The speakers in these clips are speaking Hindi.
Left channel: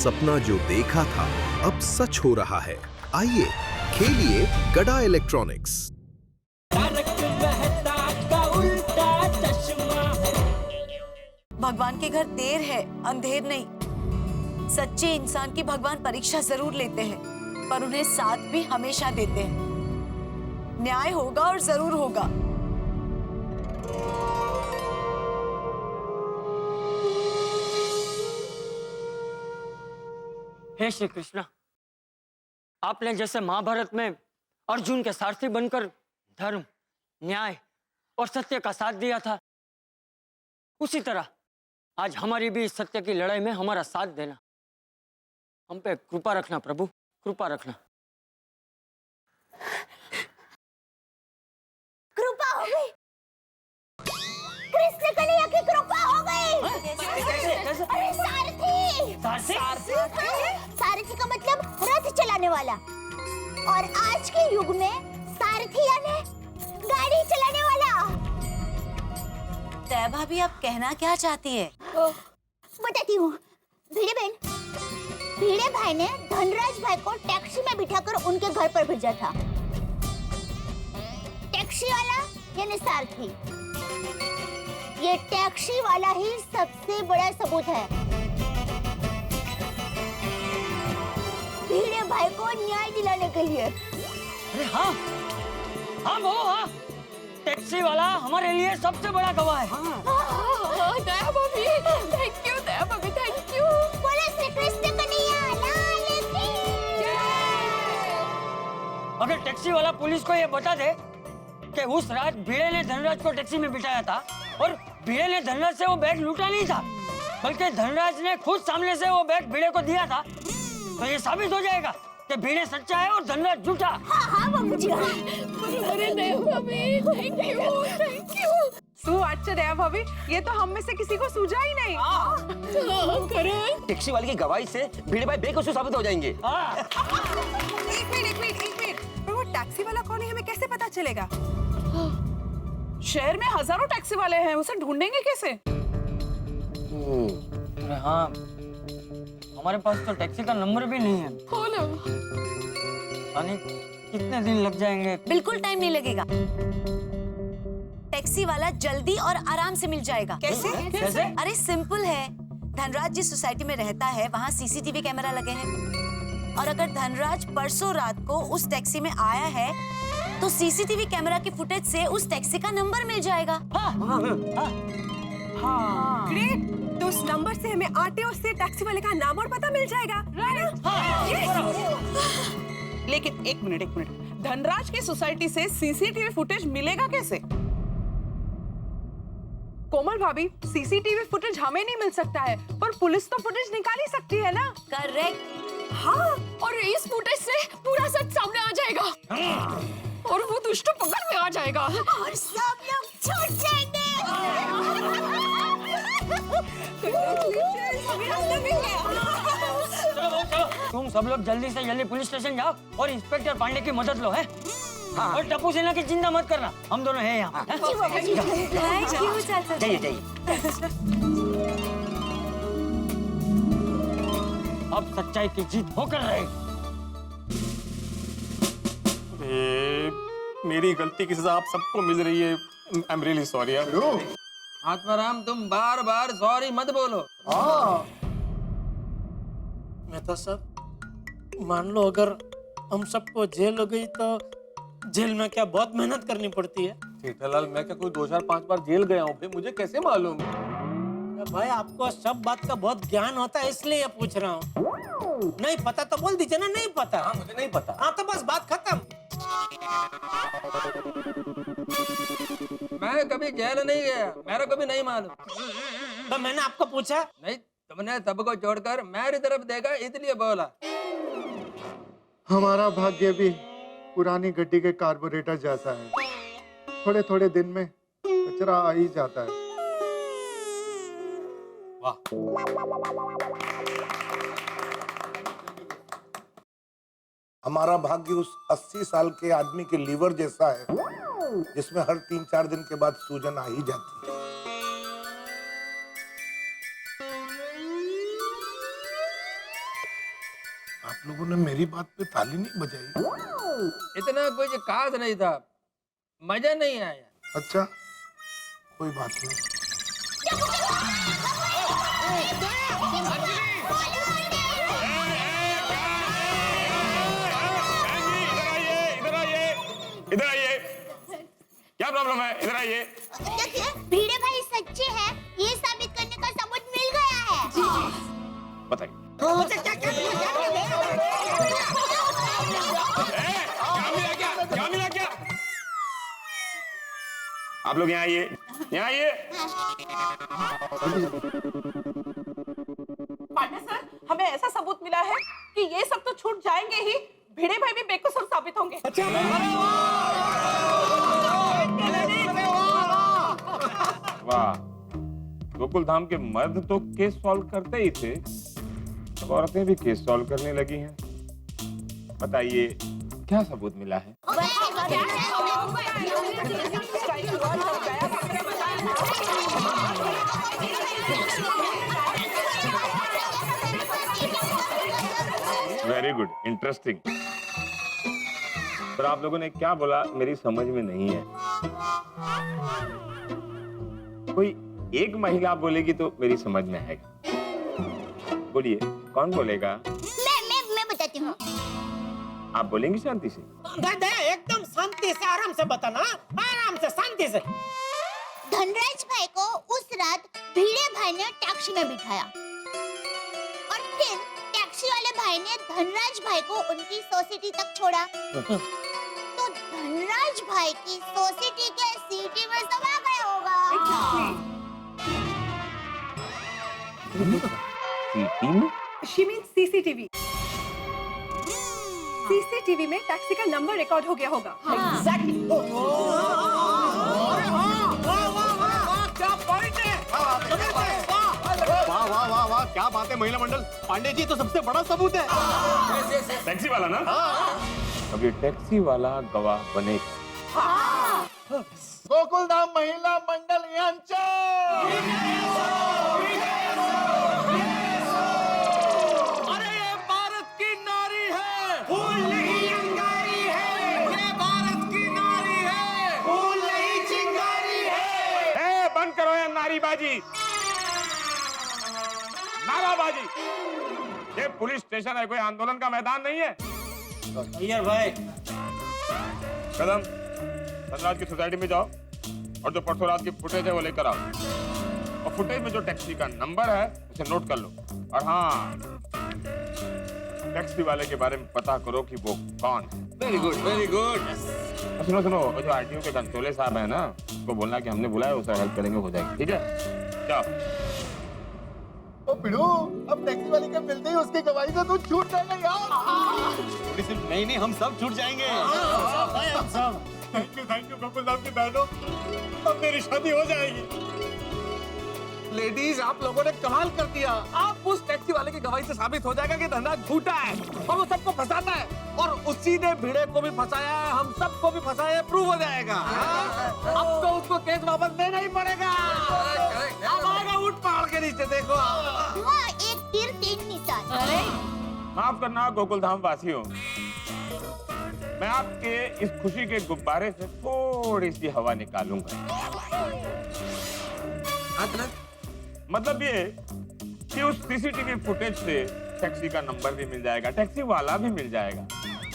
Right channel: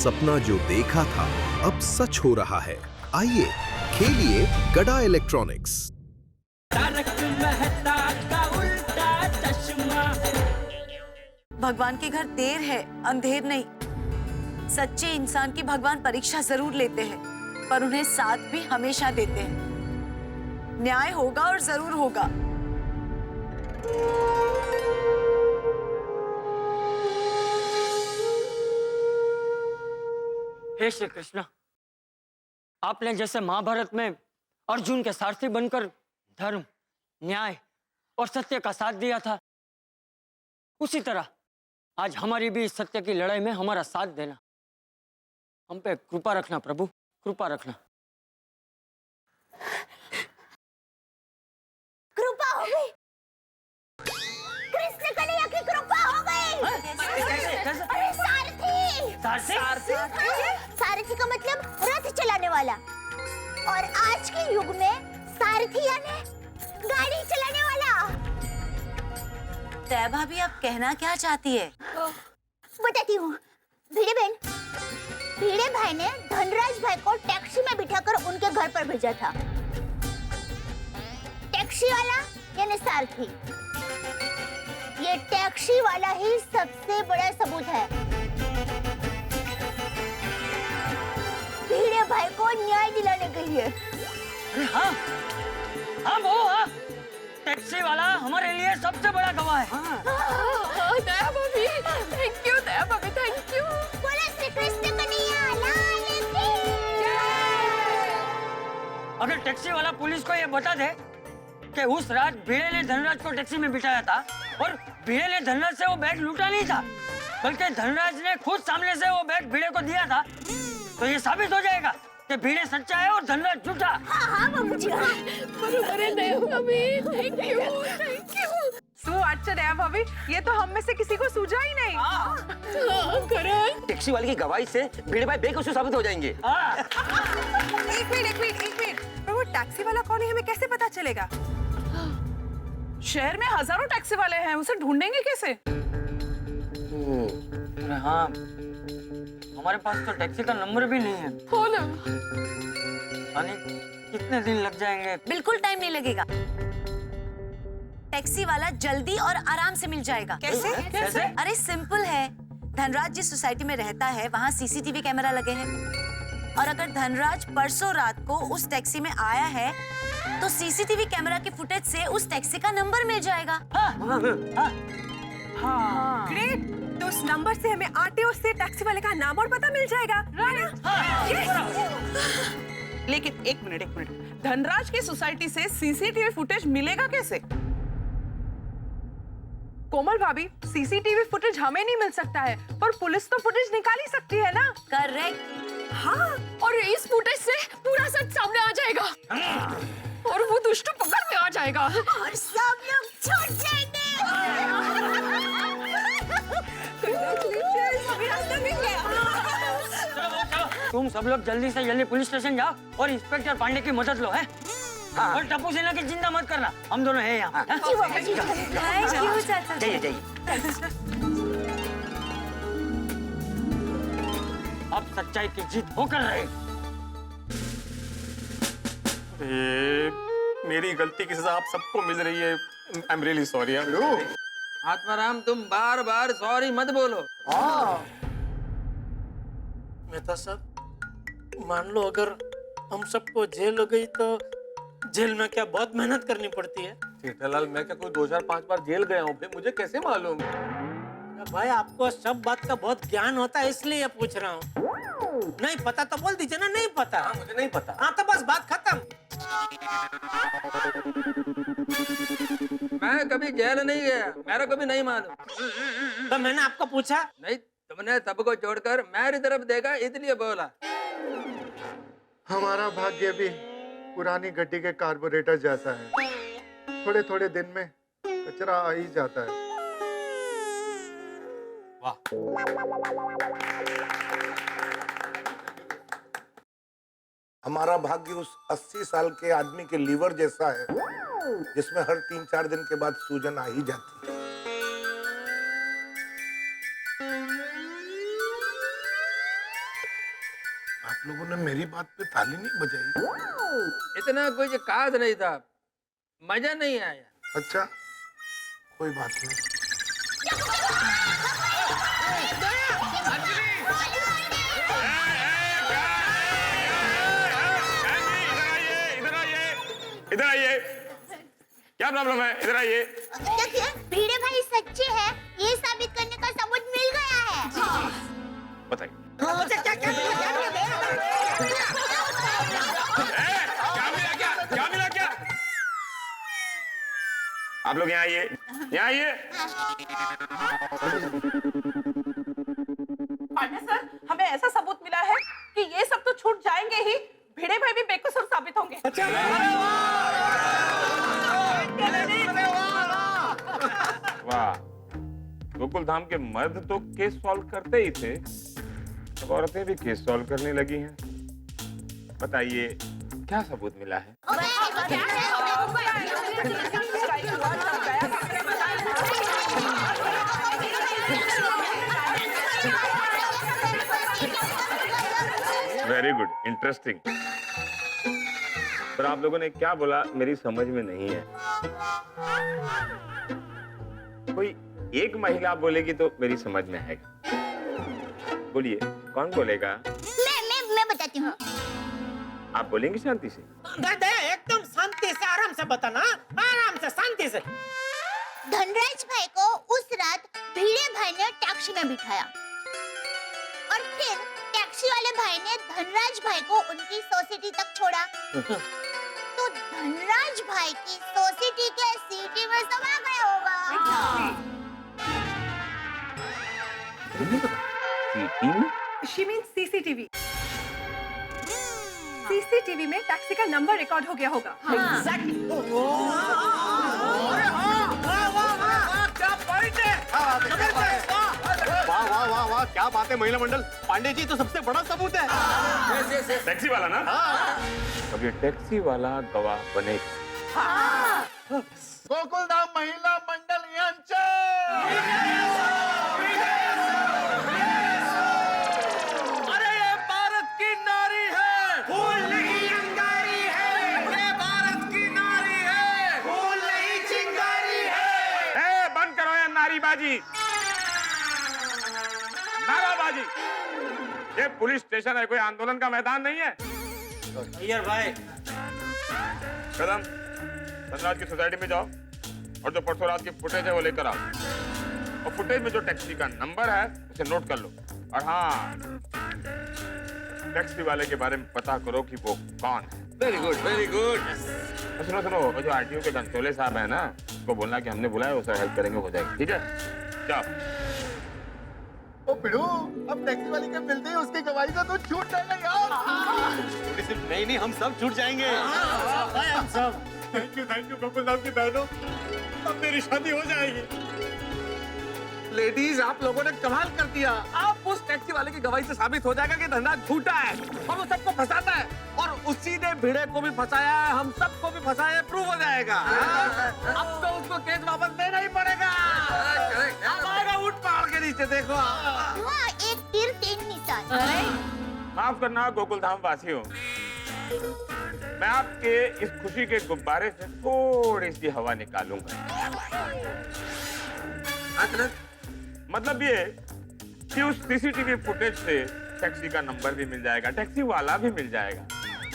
सपना जो देखा था अब सच हो रहा है। आइए खेलिए गड़ा इलेक्ट्रॉनिक्स। भगवान के घर देर है, अंधेर नहीं। सच्चे इंसान की भगवान परीक्षा जरूर लेते हैं, पर उन्हें साथ भी हमेशा देते हैं। न्याय होगा और जरूर होगा। हे श्री कृष्ण, आपने जैसे महाभारत में अर्जुन के सारथी बनकर धर्म, न्याय और सत्य का साथ दिया था, उसी तरह आज हमारी भी इस सत्य की लड़ाई में हमारा साथ देना। हम पे कृपा रखना प्रभु, कृपा रखना। कृपा हो गई, कृष्ण कन्हैया की कृपा हो गई। कैसे? अरे सारथी, सारथी का मतलब रथ चलाने वाला, और आज के युग में सारथी यानी गाड़ी चलाने वाला। तय भाभी, आप कहना क्या चाहती है? बताती हूँ। भिड़े बहन, भिड़े भाई ने धनराज भाई को टैक्सी में बिठाकर उनके घर पर भेजा था। टैक्सी वाला यानी सारथी, ये टैक्सी वाला ही सबसे बड़ा सबूत है। भिड़े भाई को न्याय दिलाने के लिए। अरे हाँ, हाँ वो हाँ, टैक्सी वाला हमारे लिए सबसे बड़ा गवाह है। दया भाभी, थैंक यू दया भाभी, थैंक यू। बोलो श्री कृष्ण कन्हैया लाल की जय। अगर टैक्सी वाला पुलिस को ये बता दे कि उस रात भिड़े ने धनराज को टैक्सी में बिठाया था और भिड़े ने धनराज से वो बैग लूटा नहीं था, बल्कि धनराज ने खुद सामने से वो बैग भिड़े को दिया था, तो ये साबित हो जाएगा कि भिड़े सच्चा है और धनराज झूठा। हाँ बाबूजी, बरोबर है दया भाभी, थैंक यू, थैंक यू। अच्छा दया भाभी, ये तो हम में से किसी को सूझा ही नहीं। करण, टैक्सी वाले की गवाही से भिड़े भाई बेकसूर साबित हो जाएंगे। एक मिनट, पर वो टैक्सी वाला कौन है हमें कैसे पता चलेगा? शहर में हजारों टैक्सी वाले हैं, उसे ढूंढेंगे कैसे? अरे हाँ, हमारे पास तो टैक्सी का नंबर भी नहीं है। हो ना। यानी कितने दिन लग जाएंगे? बिल्कुल टाइम नहीं लगेगा। टैक्सी वाला जल्दी और आराम से मिल जाएगा। कैसे? अरे सिंपल है। धनराज जिस सोसाइटी में रहता है वहाँ सीसीटीवी कैमरा लगे हैं, और अगर धनराज परसों रात को उस टैक्सी में आया है तो सीसीटीवी कैमरा की फुटेज से उस टैक्सी का नंबर मिल जाएगा। हाँ। ग्रेट, तो उस नंबर से हमें आरटीओ से टैक्सी वाले का नाम और पता मिल जाएगा। लेकिन एक मिनट, धनराज की सोसाइटी से सीसीटीवी फुटेज मिलेगा कैसे? कोमल भाभी, सीसीटीवी फुटेज हमें नहीं मिल सकता है, पर पुलिस तो फुटेज निकाल ही सकती है ना? करेक्ट। हाँ, और इस फुटेज से पूरा सच सामने आ जाएगा और वो दुष्ट पकड़ में आ जाएगा और सब लोग छूट जाएंगे। तुम सब लोग जल्दी से जल्दी पुलिस स्टेशन जाओ और इंस्पेक्टर पांडे की मदद लो है। हाँ। और टप्पू सेना की चिंता मत करना, हम दोनों हैं यहाँ। जाइए। अब सच्चाई की जीत होकर रहे। मेरी गलती की सजा आप सबको मिल रही है। I am really sorry. Atmaram, तुम बार बार सॉरी मत बोलो। मेहता साहब, मान लो अगर हम सबको जेल हो गई तो जेल में क्या बहुत मेहनत करनी पड़ती है? जेठालाल, मैं क्या कोई 2 4 5 बार जेल गया हूँ? मुझे कैसे मालूम? भाई, आपको सब बात का बहुत ज्ञान होता है, इसलिए पूछ रहा हूँ। नहीं पता तो बोल दीजिए ना, नहीं पता। हाँ, मुझे नहीं पता। हाँ तो बस बात खत्म। मैं कभी जेल नहीं गया, मेरा कभी नहीं मालूम। तो मैंने आपको पूछा नहीं, तुमने सबको छोड़कर मेरी तरफ देखा इसलिए बोला। हमारा भाग्य भी पुरानी गड्डी के कार्बोरेटर जैसा है, थोड़े थोड़े दिन में कचरा आ ही जाता है। वाह। हमारा भाग्य उस 80 साल के आदमी के लीवर जैसा है, जिसमें हर 3-4 दिन के बाद सूजन आ ही जाती है। आप लोगों ने मेरी बात पे ताली नहीं बजाई। इतना कुछ खास नहीं था, मजा नहीं आया। अच्छा, कोई बात नहीं। इधर आइए, क्या प्रॉब्लम है? इधर आइए। देखिए, भिड़े भाई सच्चे हैं, ये साबित करने का सबूत मिल गया है। बताइए। क्या मिला क्या? आप लोग यहाँ आइए, यहाँ आइए। पांडे सर, हमें ऐसा सबूत मिला है कि ये सब तो छूट जाएंगे ही, भिड़े भाई भी बेकसूर साबित होंगे। वाह, गोकुल धाम के मर्द तो केस सॉल्व करते ही थे, अब औरतें भी केस सॉल्व करने लगी हैं। बताइए, क्या सबूत मिला है? Very good, interesting. पर आप लोगों ने क्या बोला मेरी समझ में नहीं है। कोई एक महिला बोलेगी तो मेरी समझ में आएगा। बोलिए, कौन बोलेगा? मैं बताती हूँ। आप बोलेंगे शांति से? एकदम शांति से, आराम से बताना, आराम से, शांति से। धनराज भाई को उस रात भिड़े भाई ने टैक्सी में बिठाया और फिर टैक्सी वाले भाई ने धनराज भाई को उनकी सोसाइटी तक छोड़ा। तो धनराज भाई की सोसाइटी के सीटी में समा गया होगा। सीटी में? She means CCTV। CCTV में टैक्सी का नंबर रिकॉर्ड हो गया होगा। Exactly। वाह वाह वाह वाह, क्या बात है महिला मंडल। पांडे जी तो सबसे बड़ा सबूत है। टैक्सी वाला ना? अब ये टैक्सी वाला गवाह बनेगा। गोकुल धाम महिला मंडल यांचा। अरे ये भारत की नारी है, फूल नहीं अंगारी है। ये भारत की नारी है, फूल नहीं चिंगारी है। बंद करो ये नारीबाजी, नाराबाजी। ये पुलिस स्टेशन है, कोई आंदोलन का मैदान नहीं है। अय्यर भाई, कदम, धनराज की सोसाइटी में जाओ और जो परसों रात की फुटेज है वो लेकर आओ, और फुटेज में जो टैक्सी का नंबर है उसे नोट कर लो। और हाँ, टैक्सी वाले के बारे में पता करो कि वो कौन है। Very good, very good. सुनो सुनो, वो जो आरटीओ के कंट्रोलर साहब है ना, उसको बोलना कि हमने बुलाया, उसे हेल्प करेंगे, हो जाएगी। ठीक है, जाओ। ओ बिड़ू, अब टैक्सी वाले के मिलते ही उसकी गवाही से तू छूट जाएगा यार। नहीं, हम सब छूट जाएंगे। हम सब। थैंक यू गोकुल धाम की बहनों, अब मेरी शादी हो जाएगी। लेडीज, आप लोगों ने कमाल कर दिया। आप उस टैक्सी वाले की गवाही से साबित हो जाएगा कि धनराज झूठा है और वो सबको फंसाता है, और उसी ने भिड़े को भी फंसाया है, हम सबको भी फंसाया है, प्रूव हो जाएगा। अब तो उसको केस वापस देना ही पड़ेगा। अब आएगा ऊंट पहाड़ के नीचे, देखो। वाह, एक तीर तीन निशान। माफ करना गोकुल धाम वासियों, मैं आपके इस खुशी के गुब्बारे से थोड़ी सी हवा निकालूंगा। मतलब ये कि उस सीसीटीवी फुटेज से टैक्सी का नंबर भी मिल जाएगा, टैक्सी वाला भी मिल जाएगा,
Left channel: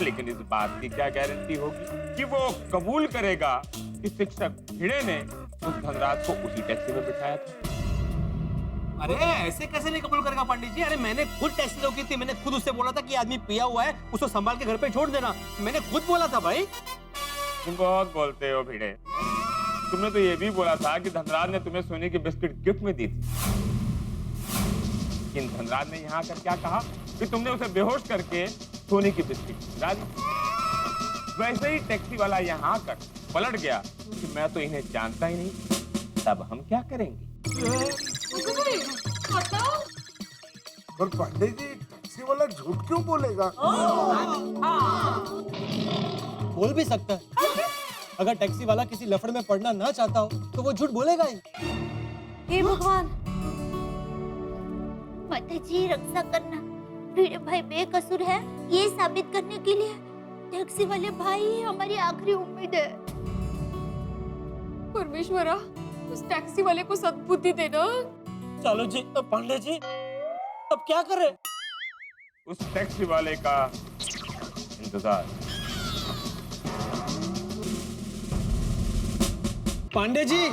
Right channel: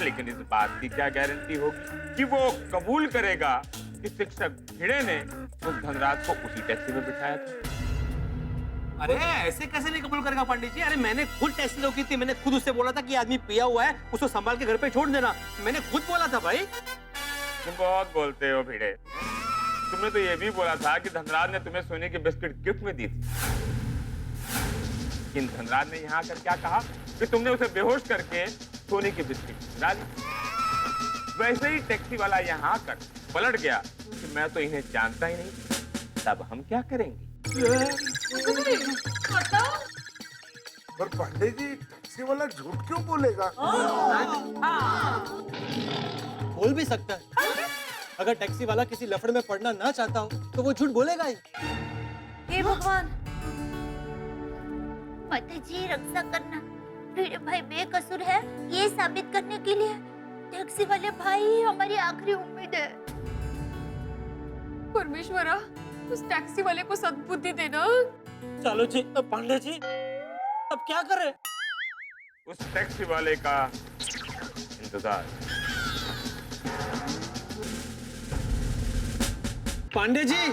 लेकिन इस बात की क्या गारंटी होगी कि वो कबूल करेगा कि शिक्षक भिड़े ने उस धनराज को उसी टैक्सी में बिठाया था। अरे ऐसे कैसे नहीं कबूल करेगा पंडित जी? अरे मैंने खुद टैक्सी रोकी थी, मैंने खुद उससे बोला था कि आदमी पिया हुआ है, उसको संभाल के घर पे छोड़ देना, मैंने खुद बोला था भाई। तुम बहुत बोलते हो भिड़े, तुमने तो ये भी बोला था कि धनराज ने तुम्हें सोने की बिस्किट गिफ्ट में दी थी, लेकिन धनराज ने यहाँ आकर क्या कहा कि तुमने उसे बेहोश करके सोने की बिस्किट खिला दी। वैसे ही टैक्सी वाला यहाँ आकर पलट गया कि मैं तो इन्हें जानता ही नहीं, तब हम क्या करेंगे? पर पांडे जी, टैक्सी वाला झूठ क्यों बोलेगा? बोल भी सकता है। अगर टैक्सी वाला किसी लफड़े में पड़ना ना चाहता हो तो वो झूठ बोलेगा ही। हे भगवान, माता जी रक्षा करना, भिड़े भाई बेकसूर है ये साबित करने के लिए टैक्सी वाले भाई ही हमारी आखिरी उम्मीद है। परमेश्वरा, उस टैक्सी वाले को सद्बुद्धि देना। चलो जी पांडे जी, अब क्या करें? उस टैक्सी वाले का इंतजार। पांडे जी,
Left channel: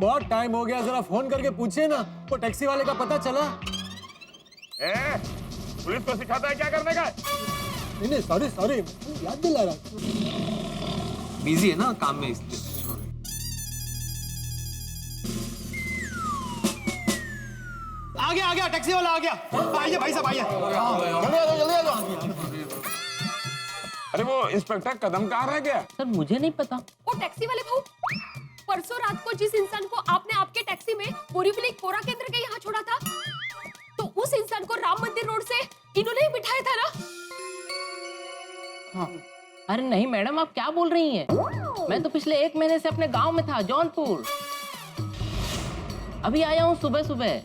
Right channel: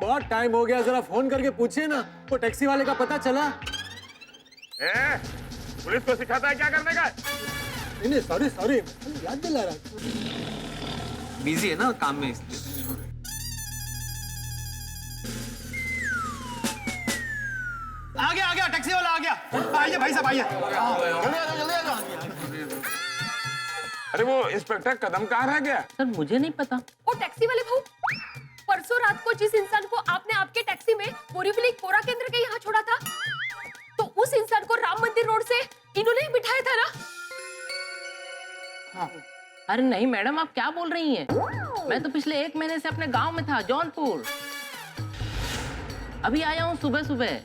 बहुत टाइम हो गया, जरा फोन करके पूछिए ना, वो टैक्सी वाले का पता चला? पुलिस को सिखाता है क्या करने का? नहीं सॉरी, याद दिला रहा। बिजी है ना काम में इसलिए। आ गया टैक्सी वाला आ गया। आइए भाई साहब आइए। जल्दी आ जाओ। अरे वो इंस्पेक्टर कदम कहाँ रह गया? सर मुझे नहीं पता। वो टैक्सी वाले भाऊ, परसों रात को जिस इंसान को आपने आपके टैक्सी में बोरीवली कोरा केंद्र के यहाँ छोड़ा था, तो उस इंसान को राम मंदिर रोड से इन्होंने ही बिठाया था ना? हाँ। अरे नहीं मैडम, आप क्या बोल रही हैं? मैं तो पिछले 1 महीने से अपने गांव में था, जौनपुर। अभी आया हूँ सुबह।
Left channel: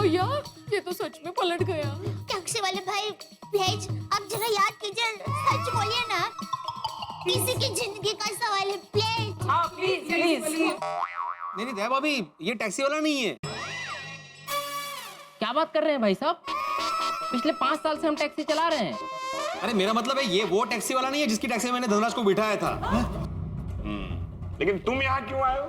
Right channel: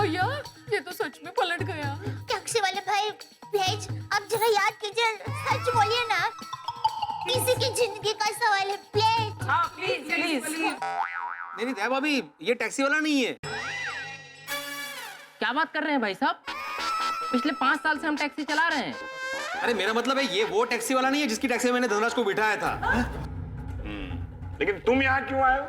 भैया, ये तो सच में पलट गया। टैक्सी वाले भाई प्लीज आप जरा याद कीजिए, सच बोलिए ना, किसी की जिंदगी का सवाल है, प्लीज। हाँ प्लीज। नहीं दया भाभी, ये टैक्सी वाला नहीं है। क्या बात कर रहे हैं भाई साहब? पिछले 5 साल से हम टैक्सी चला रहे हैं। अरे मेरा मतलब है ये वो टैक्सी वाला नहीं है जिसकी टैक्सी में मैंने धनराज को बिठाया था। लेकिन तुम यहाँ क्यों आए हो?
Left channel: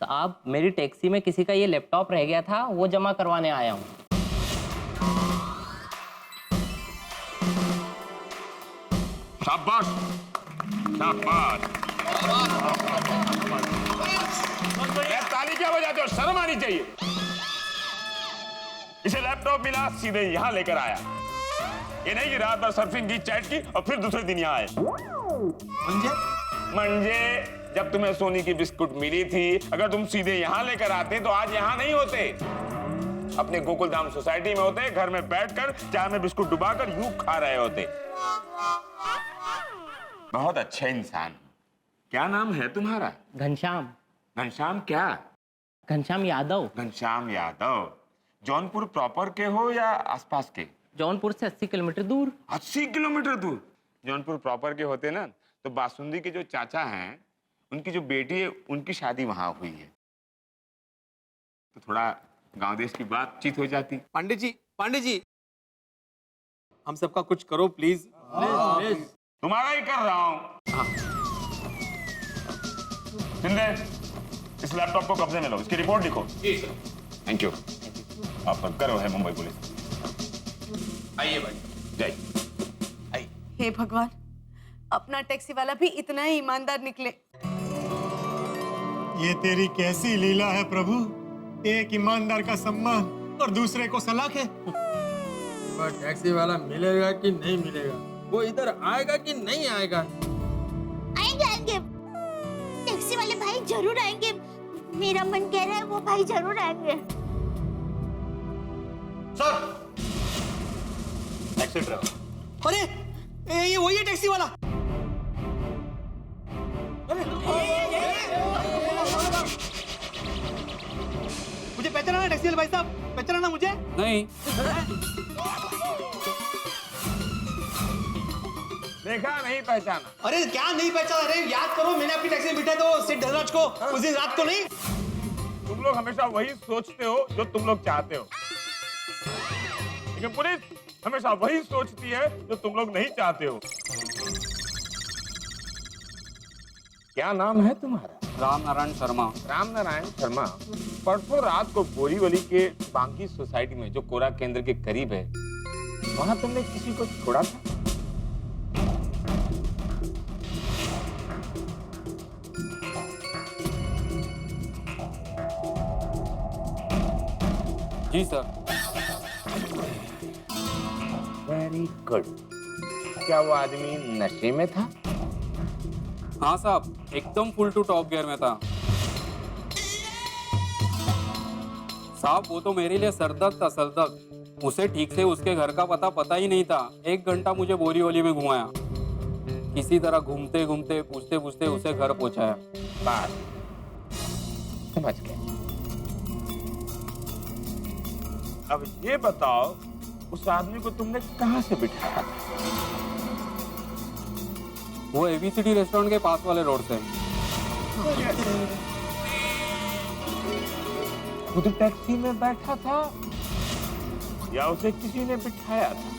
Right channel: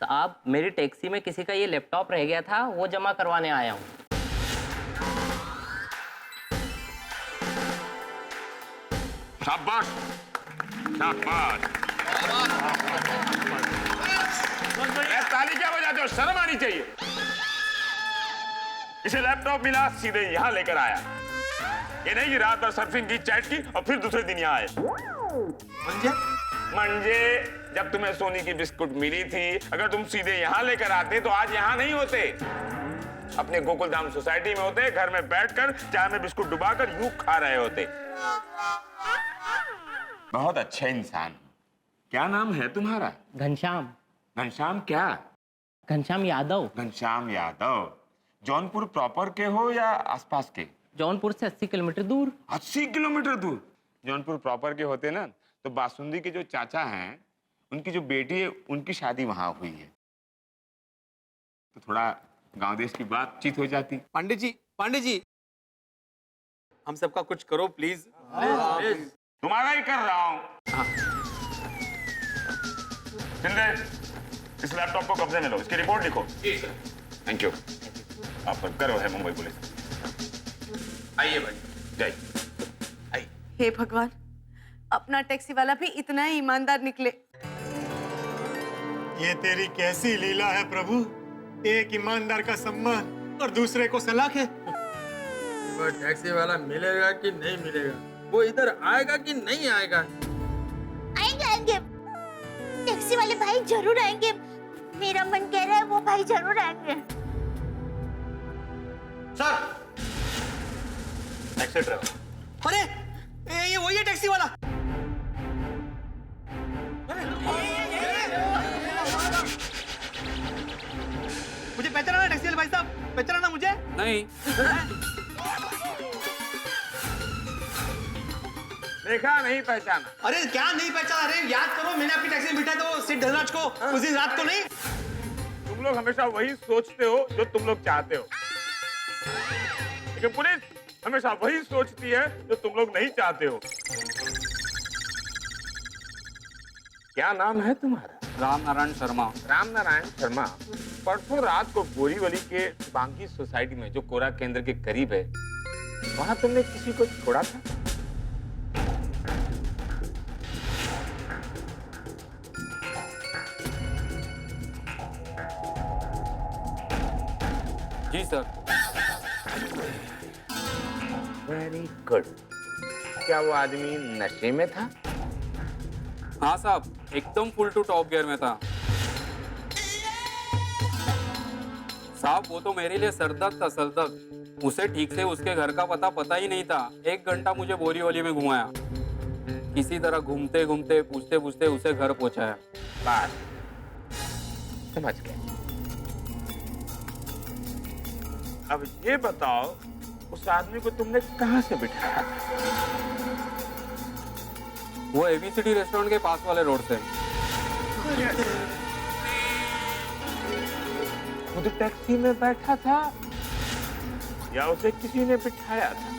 साहब, मेरी टैक्सी में किसी का ये लैपटॉप रह गया था, वो जमा करवाने आया हूँ। शाबाश, शाबाश। ताली क्या बजाते हो? शर्म आनी चाहिए। इसे लैपटॉप मिला, सीधे यहाँ लेकर आया। ये नहीं कि रात भर सर्फिंग की, चैट की और फिर दूसरे दिन यहाँ आए। मंजे, जब तुम्हें सोनी की बिस्कुट मिली थी, अगर तुम सीधे यहाँ लेकर आते तो आज यहाँ नहीं होते, अपने गोकुलधाम सोसाइटी में होते, घर में बैठकर चाय में बिस्कुट डुबाकर यूं खा रहे होते। बहुत अच्छे इंसान। क्या नाम है तुम्हारा? घनश्याम। घनश्याम क्या? घनश्याम यादव। घनश्याम यादव। जौनपुर प्रॉपर के हो या आसपास के? जौनपुर से 80 किलोमीटर दूर। 80 किलोमीटर दूर? जौनपुर प्रॉपर के होते ना तो बासुंदी के जो चाचा हैं, उनकी जो बेटी है, उनकी शादी वहां हुई है, तो थोड़ा गांव देश की बातचीत हो जाती। पांडे जी, हम सबका कुछ करो प्लीज। तुम्हारा ही कर रहा हूं। शिंदे, इस लैपटॉप को कब्जे में लो, इसकी रिपोर्ट लिखो। जी सर। Thank you. आप गर्व है मुंबई पुलिस। आइए भाई। जय। हे भगवान, अपना टैक्सी वाला भी इतना ही ईमानदार निकले। ये तेरी कैसी लीला है प्रभु, एक ईमानदार का सम्मान और दूसरे को सलाख है। टैक्सी वाला मिलेगा कि नहीं मिलेगा? वो इधर आएगा कि नहीं आएगा? आएंगे। टैक्सी वाले भाई जरूर आएंगे, मेरा मन कह रहा है वो भाई जरूर आएंगे। Sir, taxi driver. अरे ये वही है टैक्सी वाला। मुझे पहचाना ना टैक्सी वाले भाई साहब? पहचाना मुझे? नहीं। देखा नहीं पहचाना? अरे क्या नहीं पहचाना? अरे याद करो, मैंने आपकी टैक्सी में बिठाया तो सेठ धनराज को उस दिन रात को नहीं। तुम लोग हमेशा वही सोचते हो जो तुम लोग चाहते हो, लेकिन पुलिस हमेशा वही सोचती है जो तुम लोग नहीं चाहते हो। क्या नाम है तुम्हारा? राम नारायण शर्मा। राम नारायण शर्मा। परसों रात को बोरीवली के बांकी सोसाइटी में, जो कोरा केंद्र के करीब है, वहां तुमने किसी को छोड़ा था? जी सर। Very good. क्या वो आदमी नशे में था? हाँ साहब, एकदम फुल टू टॉप गियर में था साहब। वो तो मेरे लिए सरदर्द था, सरदर्द। उसे ठीक से उसके घर का पता ही नहीं था। 1 घंटा मुझे बोरीवली में घुमाया, किसी तरह घूमते घूमते पूछते पूछते उसे घर पहुंचाया। बात समझ गए। अब ये बताओ, उस आदमी को तुमने कहाँ से बिठाया था? वो एबीसीडी रेस्टोरेंट के पास वाले रोड से। खुद टैक्सी में बैठा था या उसे किसी ने बिठाया था?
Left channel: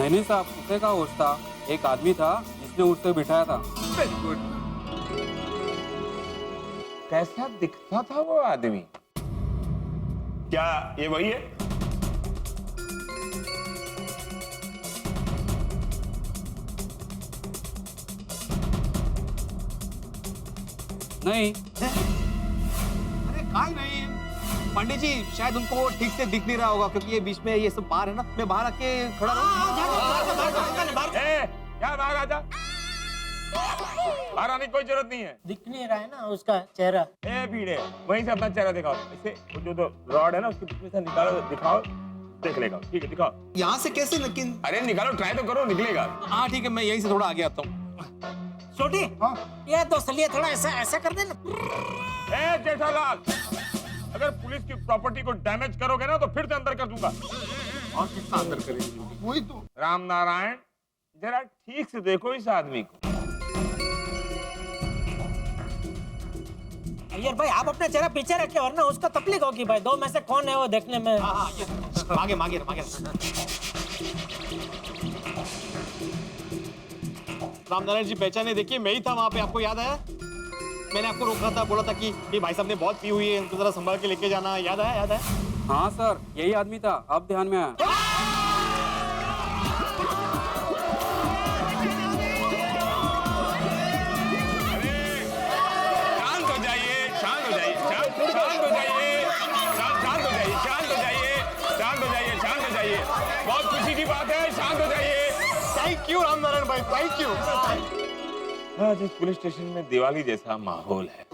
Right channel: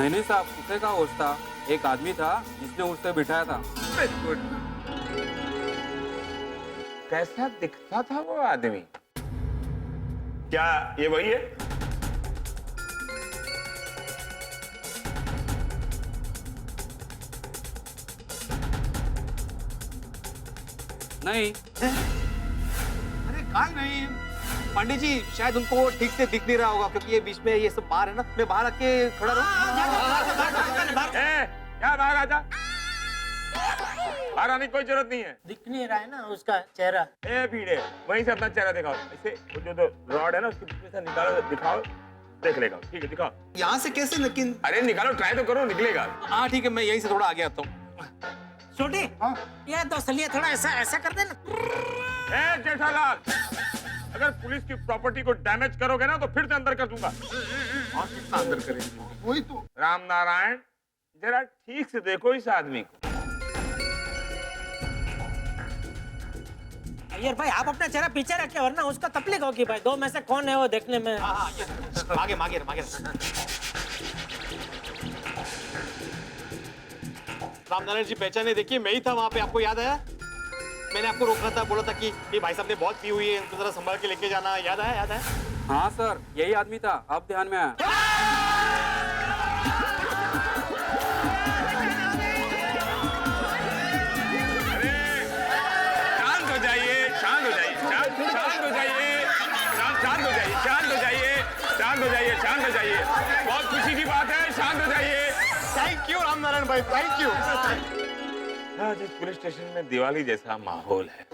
नहीं साहब, उसे का होश था, एक आदमी था जिसने उससे बिठाया था। Very good. कैसा दिखता था वो आदमी? क्या ये वही है? नहीं। अरे काय नहीं, पंडित जी शायद उनको ठीक से दिख नहीं रहा होगा क्योंकि ये बीच में ये सब बाहर है ना। मैं बाहर आके खड़ा रहूं। क्या बाहर आजा? बाहर आने की कोई जरूरत नहीं है। दिख नहीं रहा है ना उसका चेहरा। ए भीड़े, वहीं से अपना चेहरा दिखाओ। इसे वो जो रॉड है ना उसके बीच में से निकालो, दिखाओ, देख लेगा। ठीक है, दिखाओ। यहाँ से कैसे? लेकिन अरे निकालो, ट्राई तो करो, निकलेगा। हाँ ठीक है, मैं यहीं से थोड़ा आगे आता हूँ। छोटी, ये दो थोड़ा ऐसा ऐसा कर देना। ए जेठालाल, अगर पुलिस की प्रॉपर्टी को डैमेज करोगे ना तो फिर से अंदर कर दूंगा। और कितना अंदर करेंगे? वही तो। राम नारायण, जरा ठीक से देखो इस आदमी को। अय्यर भाई, आप अपना चेहरा पीछे रखे वरना उसको तकलीफ होगी भाई। दो में से कौन है वो देखने में। मागे मागे मागे। रामनारायण जी पहचाने, देखिए मैं ही था वहाँ पे, आपको याद आया? मैंने आपको रोका था, बोला था कि भाई साहब ने बहुत पी हुई है, इनको जरा संभाल के लेके जाना। याद आया? याद आया? हाँ सर, यही आदमी था, अब ध्यान में आया। शांत हो जाइए, शांत हो जाइए, शांत हो जाइए, शांत हो जाइए, शांत हो जाइए, शांत हो जाइए, शांत हो जाइए। बहुत खुशी की बात है, शांत हो जाइए। थैंक यू रामनारायण भाई, थैंक यू। आज इस पुलिस स्टेशन में दिवाली जैसा माहौल है।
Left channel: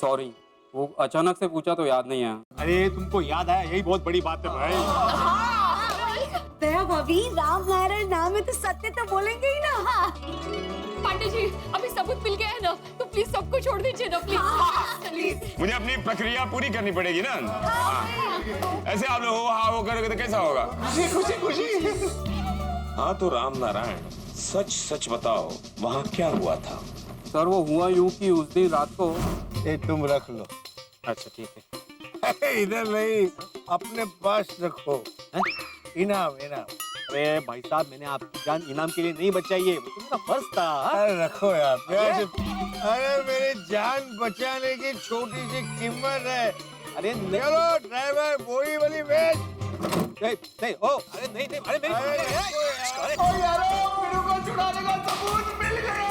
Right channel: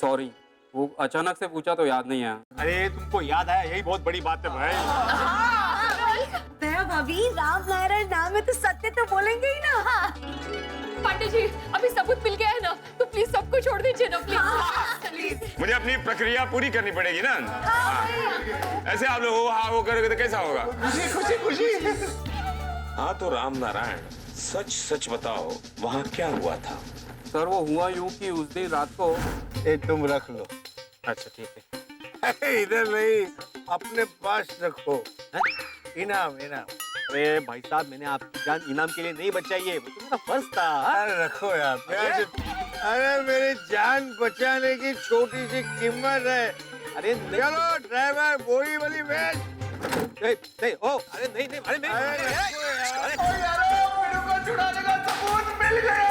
सॉरी, वो अचानक से पूछा तो याद नहीं आया। अरे तुमको याद आया, यही बहुत बड़ी बात है भाई। दया भाभी, राम नारायण नाम है तो सत्य तो बोलेंगे ही ना। पांडे जी, अभी सबूत मिल गया है ना, तो प्लीज सबको छोड़ दीजिए ना प्लीज। मुझे अपनी प्रक्रिया पूरी करनी पड़ेगी ना। ऐसे आप लोग हो करोगे तो कैसा होगा? खुशी खुशी खुशी। हाँ तो राम नारायण, सच सच बताओ, वहाँ क्या हुआ था? सर वो हुआ यूं कि उस दिन रात को। तुम रख लो। अच्छा ठीक है। इधर नहीं, अपने पास रखो। इनाम इनाम। अरे भाई साहब, मैंने आपकी जान इनाम के लिए नहीं बचाई है, वो तो मेरा फर्ज था। अरे रखो यार, प्यार से। अरे मेरी जान बचाने की छोटी सी कीमत है। अरे चलो ड्राइवर, बोरी वाली भेज। नहीं, ओ, अरे नहीं नहीं, अरे मेरी अरे यार, मेरे को छुड़ाने का सबूत मिल गया।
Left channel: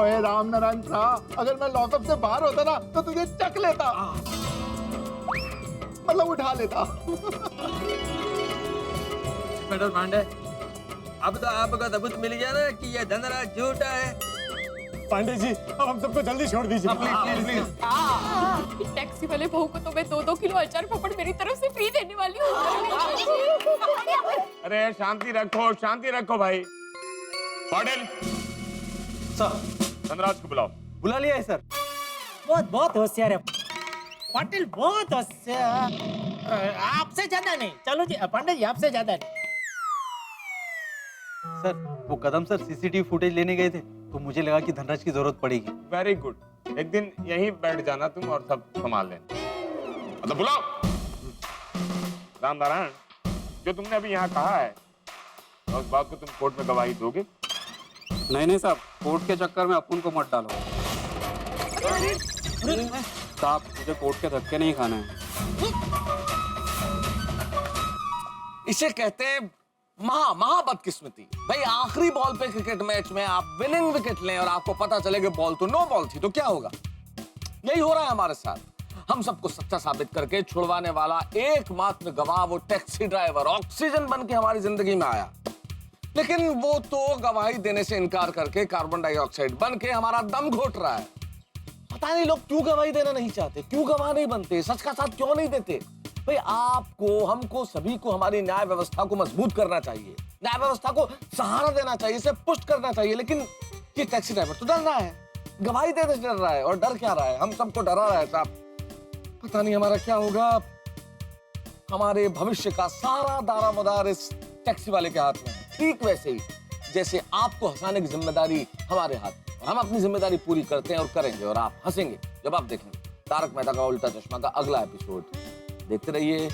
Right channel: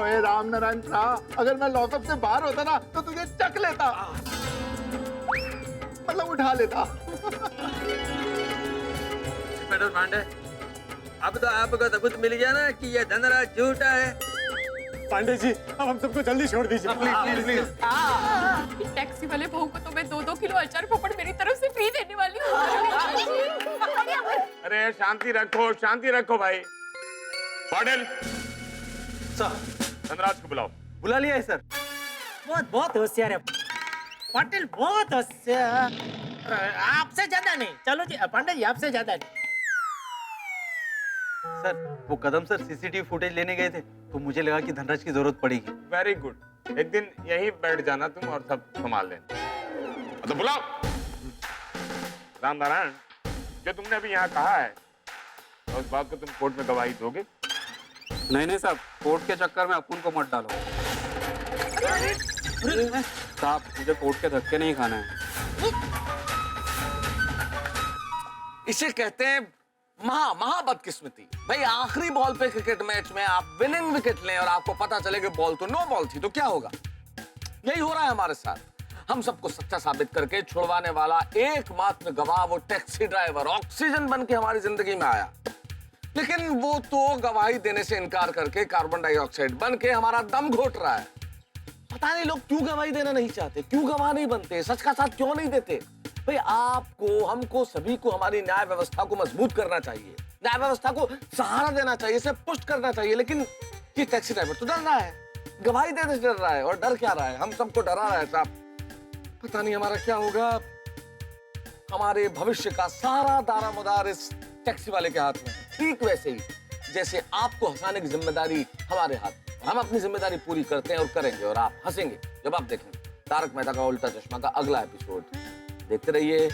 ओए रामनारायण था, अगर मैं लॉकअप से बाहर होता ना तो तुझे चक लेता, मतलब उठा लेता। इंस्पेक्टर पांडे, अब तो आपको सबूत मिल गया ना कि ये धनराज झूठा है। पांडे जी, अब हम सबको जल्दी छोड़ दीजिए प्लीज प्लीज प्लीज। टैक्सी वाले बहू को तो मैं 2-2 किलो अचार पापड़ मेरी तरफ से फ्री देने वाली हूँ। अरे शांति रखो भाई। पाटिल, सर, धनराज को बुलाओ। बुला लिया है सर। बहुत होशियार है पाटिल, बहुत होशियार। आपसे ज्यादा नहीं। चलो जी पांडे जी, आपसे ज्यादा नहीं। सर वो कदम सर सीसीटीवी फुटेज लेने गए थे तो मुझे लगा कि धनराज की जरूरत पड़ेगी। वेरी गुड, एक दिन यहीं बैठ जाना तुम और सब संभाल लेना। तो बुलाओ। राम नारायण, जो तुमने अभी यहाँ कहा है उस बात को तुम कोर्ट में गवाही दोगे? नहीं साहब, कोर्ट के चक्कर में अपन को मत डालो। साहब मुझे कोर्ट के धक्के नहीं खाना है। इसे कहते हैं महा बदकिस्मती। भाई आखिरी बॉल पे क्रिकेट मैच में आप विनिंग विकेट लें और आपको पता चले कि बॉल तो नो बॉल थी, तो क्या होगा? यही हो रहा है हमारे साथ। हम सबको सच्चा साबित करके छुड़वाने वाला एकमात्र गवाह वो टैक्सी ड्राइवर ऑक्सीजन बन के हमारी जिंदगी में आया, लेकिन वो तो गवाही देने से इनकार करके कार्बन डाइऑक्साइड बन के हमारा दम घोट रहा है। पता नहीं लोग क्यों गवाही देना नहीं चाहते, क्यों गवाह नहीं बनते, सच का साथ क्यों नहीं देते? भाई आपको, हमको, सभी को हमारी न्याय व्यवस्था को मजबूत करना चाहिए, न्याय व्यवस्था को सहारा देना चाहिए, इसे पुष्ट करना चाहिए। लेकिन ये टैक्सी ड्राइवर तो डर रहा है, गवाही देने से डर रहा है। और डर क्या रहा है? हम सबको डरा रहा है साहब। पता नहीं हमारा क्या होगा। हमारे भविष्य का सारा दारोमदार इस टैक्सी वाले के हाथ में है। ठीक वैसे ही जैसे आपको हंसाने की जिम्मेदारी हमारे हाथ में। हम अपनी जिम्मेदारी पूरी करते हैं और करेंगे, और आप हंसेंगे जब आप देखेंगे तारक मेहता का उल्टा चश्मा का अगला एपिसोड। देखते रहिए,